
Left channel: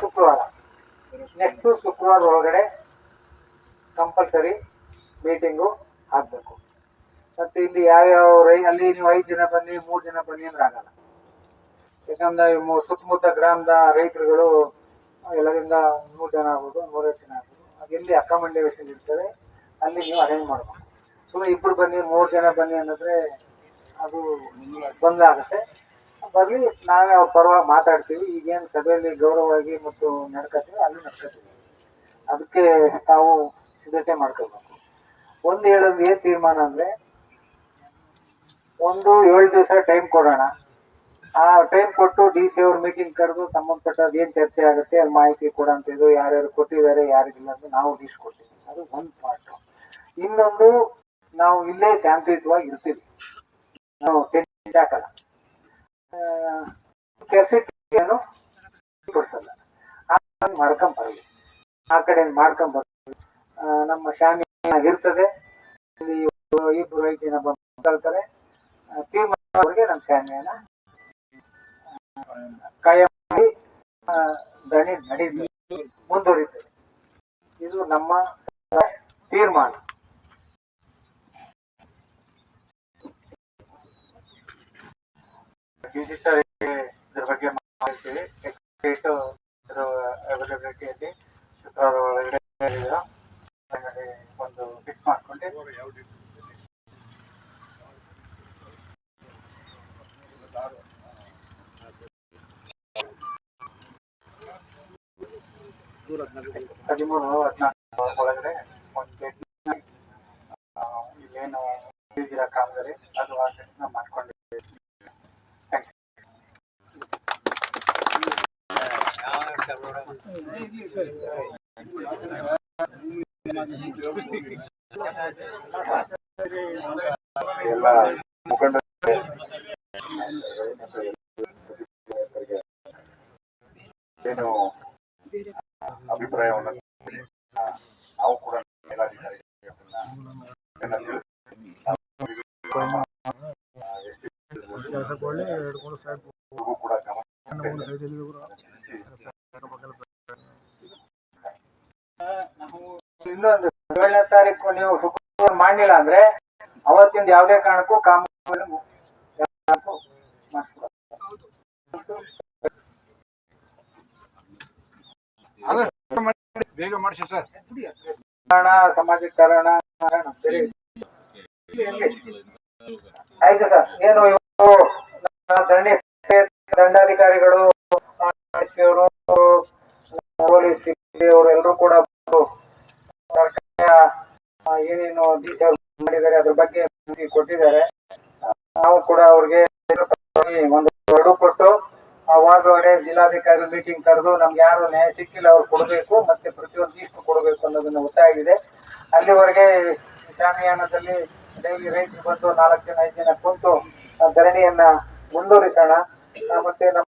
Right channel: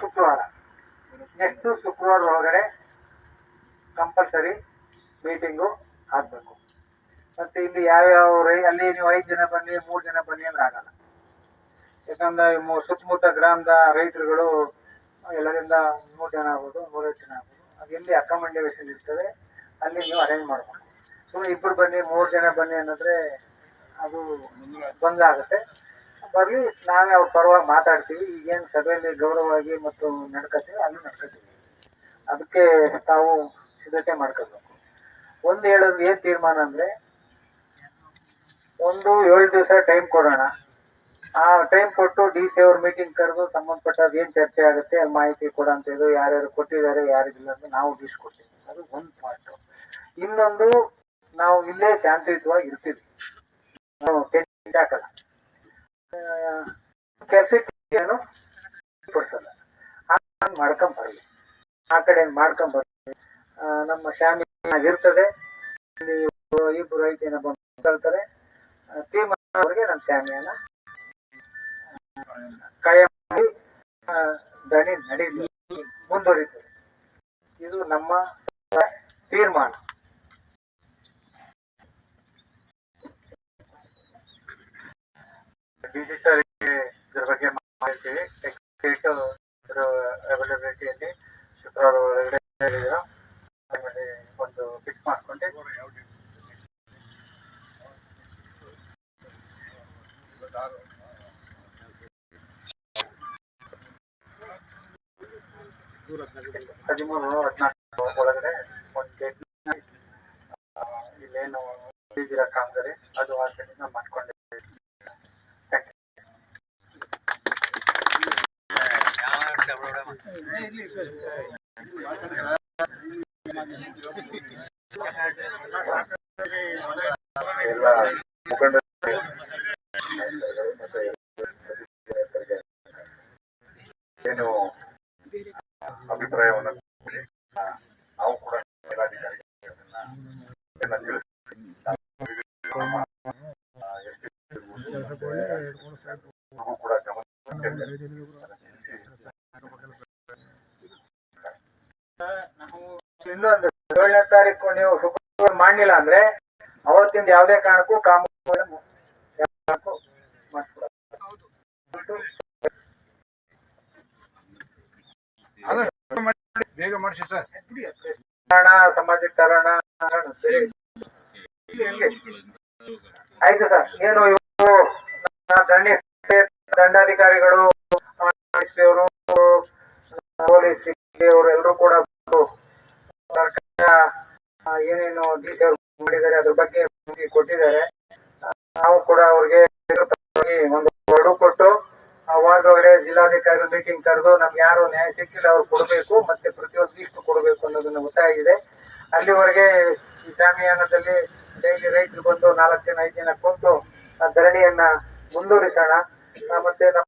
ಶುಕ್ರವಾರ. ನೆಕ್ಸ್ಟ್ ಶುಕ್ರವಾರ ಒಳಗಡೆ ಕಂಪಲ್ಸರಿ ಮೀಟಿಂಗು ಆಗಬೇಕು. ಮತ್ತೆ ಇಲ್ಲಿ ಯಾವ್ಯಾವ ರೈ ಅಲ್ಲಿ ನೀವು ಐದು ಜನ ಬನ್ನಿ ಮೂರು ಜನ ಬನ್ನಿ ಅಂದ್ರೆ ಆಗಲ್ಲ. ಯಾಕಂದ್ರೆ ಸುತ್ತಮುತ್ತ ಗ್ರಾಮದ ರೈತರುಗಳು ಎಲ್ಲರಿಂದ ನೂರು ಜನ ಆಗ್ಬೋದು ನೂರೈವತ್ತು ಜನ ಆಗ್ಬೋದು. ಅದು ಎಲ್ಲಿ ಅಕಾಮಂಡೇಶನ್ ಇರ್ತದೆ ಅಲ್ಲಿ ನೀವು ಅರೇಂಜ್ ಮಾಡ್ಬೇಕು. ಸುಮ್ಮನೆ ಇಬ್ಬರು ಬನ್ನಿ, ಮೂರು ಜನ ಬನ್ನಿ ಅನ್ನೋದ್ರೆ ಅದು ತೊಂದರೆ ಆಗುತ್ತೆ. ಬರಲಿ, ನಾವೇ ಅವ್ರ ಪರವಾಗಿ ಮಾತಾಡ್ತೀವಿ. ಈಗೇನು ಸಭೆಯಲ್ಲಿ ಗೌರವವಾಗಿ ಮತ್ತು ನಡ್ಕೋತೀವಿ ಅಲ್ಲಿ ನಡ್ಕೋತೀವಿ ಅದಕ್ಕೆ ತಾವು ಸಿದ್ಧತೆ ಮಾಡ್ಕೋಬೇಕು ಒಂದು ಹೇಳೋದು ಏನು ತೀರ್ಮಾನ ಅಂದರೆ, ಒಂದು ಏಳು ದಿವಸ ಟೈಮ್ ಕೊಡೋಣ. ಆ ಟೈಮ್ ಕೊಟ್ಟು ಡಿ ಸಿ ಅವ್ರ ಮೀಟಿಂಗ್ ಕರೆದು ಸಂಬಂಧಪಟ್ಟದ್ದು ಏನು ಚರ್ಚೆ ಆಗುತ್ತೆ ಅಲ್ಲಿ ಮಾಹಿತಿ ಕೊಡೋಂಥದ್ದು ಯಾರ್ಯಾರು ಕೊಟ್ಟಿದ್ದಾರೆ, ಯಾರಿಗಿಲ್ಲ ಅಂತ ನಾವು ಡಿಸ್ಕೊಡ್ತೀವಿ ಅದು ಒಂದು ಪಾರ್ಟು ಇನ್ನೊಂದು ನಾವು ಇಲ್ಲೇ ಶಾಂತಿಯುತವಾಗಿ ಇರ್ತೀವಿ. ನಾವು ಟೆನ್ಷನ್ ಹಾಕಲ್ಲ. ಕೆಸಿಟಿಯನ್ನು ಕೊಡ್ಸಲ್ಲ. ಬರಲಿ. ಆ ಕಡೆ ಮಾಡ್ಕೊಂಬರ್ಲಿ ನಮ್ಮ ಶಾಮಿ ಇರ್ತದೆ ಇಲ್ಲಿ ಇಬ್ಬರು ಐದು ಜನ ಬಂದು ಕೇಳ್ತಾರೆ ನಮ್ಮ ಶಾಮಿಯನ್ನ ಕಾಯಿ ಮಾಡಿ ದಣಿ ನಡೀಲಿ. ಮುಂದುವರಿತದೆ. ಇದು ನಮ್ಮ ತೀರ್ಮಾನ. ಡಿ ಸಿ ಸರ್ ಇದ್ರ ಬಗ್ಗೆ ಮಾಹಿತಿ ಡೇಟ್ ಇದರ ಅವೈಲಬಿಲಿಟಿಯಲ್ಲಿ ಶುಕ್ರವಾರ ಒಳಗಡೆ. ಆಮೇಲೆ ಒಂದು ಫಿಕ್ಸ್ ಮಾಡ್ಕೊಂಡೆ ಹದಿಮೂರು, ಹದಿನಾಲ್ಕು ಒಳಗಡೆ ಒಂದು ಗೇಟ್ ಇಲ್ಲೇನು ಇದ್ದೀರಾ ಕಾಮಗಾರಿ ಅದು ಆ ಸೈಡಿಂದ ಮಾಡ್ಕೊಂಡಿದ್ದೀವಿ ಥ್ಯಾಂಕ್ ಯು ಎಲ್ಲ ಮುಖಂಡರಿಗೆ ಏನು ಅಭಿಪ್ರಾಯವನ್ನು ಕೊಡಿ. ನಾವು ಕೂಡ ಮೇಲಾಧಿಕಾರಿಗಳಿಗೆ ಅದನ್ನ ಎಲ್ಲ ತಿಳಿಸಿ ನಮ್ಮ, ಆ, ಎಸ್ ಪಿ ಇವ್ರಿಗೂ ಕೂಡ ಗಮನ ಇನ್ನೊಂದು ಏಳನೇ ತಾರೀಕು ನೀವು ಶುಕ್ರವಾರ ಮಾಡಲಿಲ್ಲ ಅಂದ್ರೆ ಅವತ್ತಿಂದ ಯಾವುದೇ ಕಾರಣಕ್ಕೂ ಕಾಮಗಾರಿ ಬೇಗ ಮಾಡಿಸಿ ಸರ್. ಕಾರಣ ಆಯ್ತು ಸರ್. ಏನು ಇವರು ದಂಡಿ ದಂಡಾಧಿಕಾರಿಗಳು ಪೊಲೀಸ್ ಅವರೆಲ್ಲರೂ ಕೂಡ ಏನೇನು ದೀಸೆ ಮಾಡಿದ್ದಾರೆ, ಅದ್ರ ಬಗ್ಗೆ ಕೊಟ್ಟಿದ್ದಾರೆ. ನಾವು ಕೂಡ ಅವ್ರಿಗೆ ಒಂದು ಅಡು ಕೊಟ್ಟು, ಆ ಜಿಲ್ಲಾಧಿಕಾರಿ ಮೀಟಿಂಗ್ ಕರೆದು ನಮ್ಗೆ ಯಾರು ನ್ಯಾಯ ಸಿಕ್ಕಿಲ್ಲ ಅವ್ರು ಕೊಡಬೇಕು, ಮತ್ತೆ ಅನ್ನೋದನ್ನ ಒತ್ತಾಯ ಅಲ್ಲಿವರೆಗೆ ಈ ಶಾಮಿಯಾನದಲ್ಲಿ ಡೈಲಿ ರೈತರು ಬಂದು ನಾಲ್ಕು ದಿನ ಐದು ದಿನ ಕುಂತು ಧರಣಿಯನ್ನ ಮುಂದುವರಿಸೋಣ ಮತ್ತೆ ನಮ್ಮ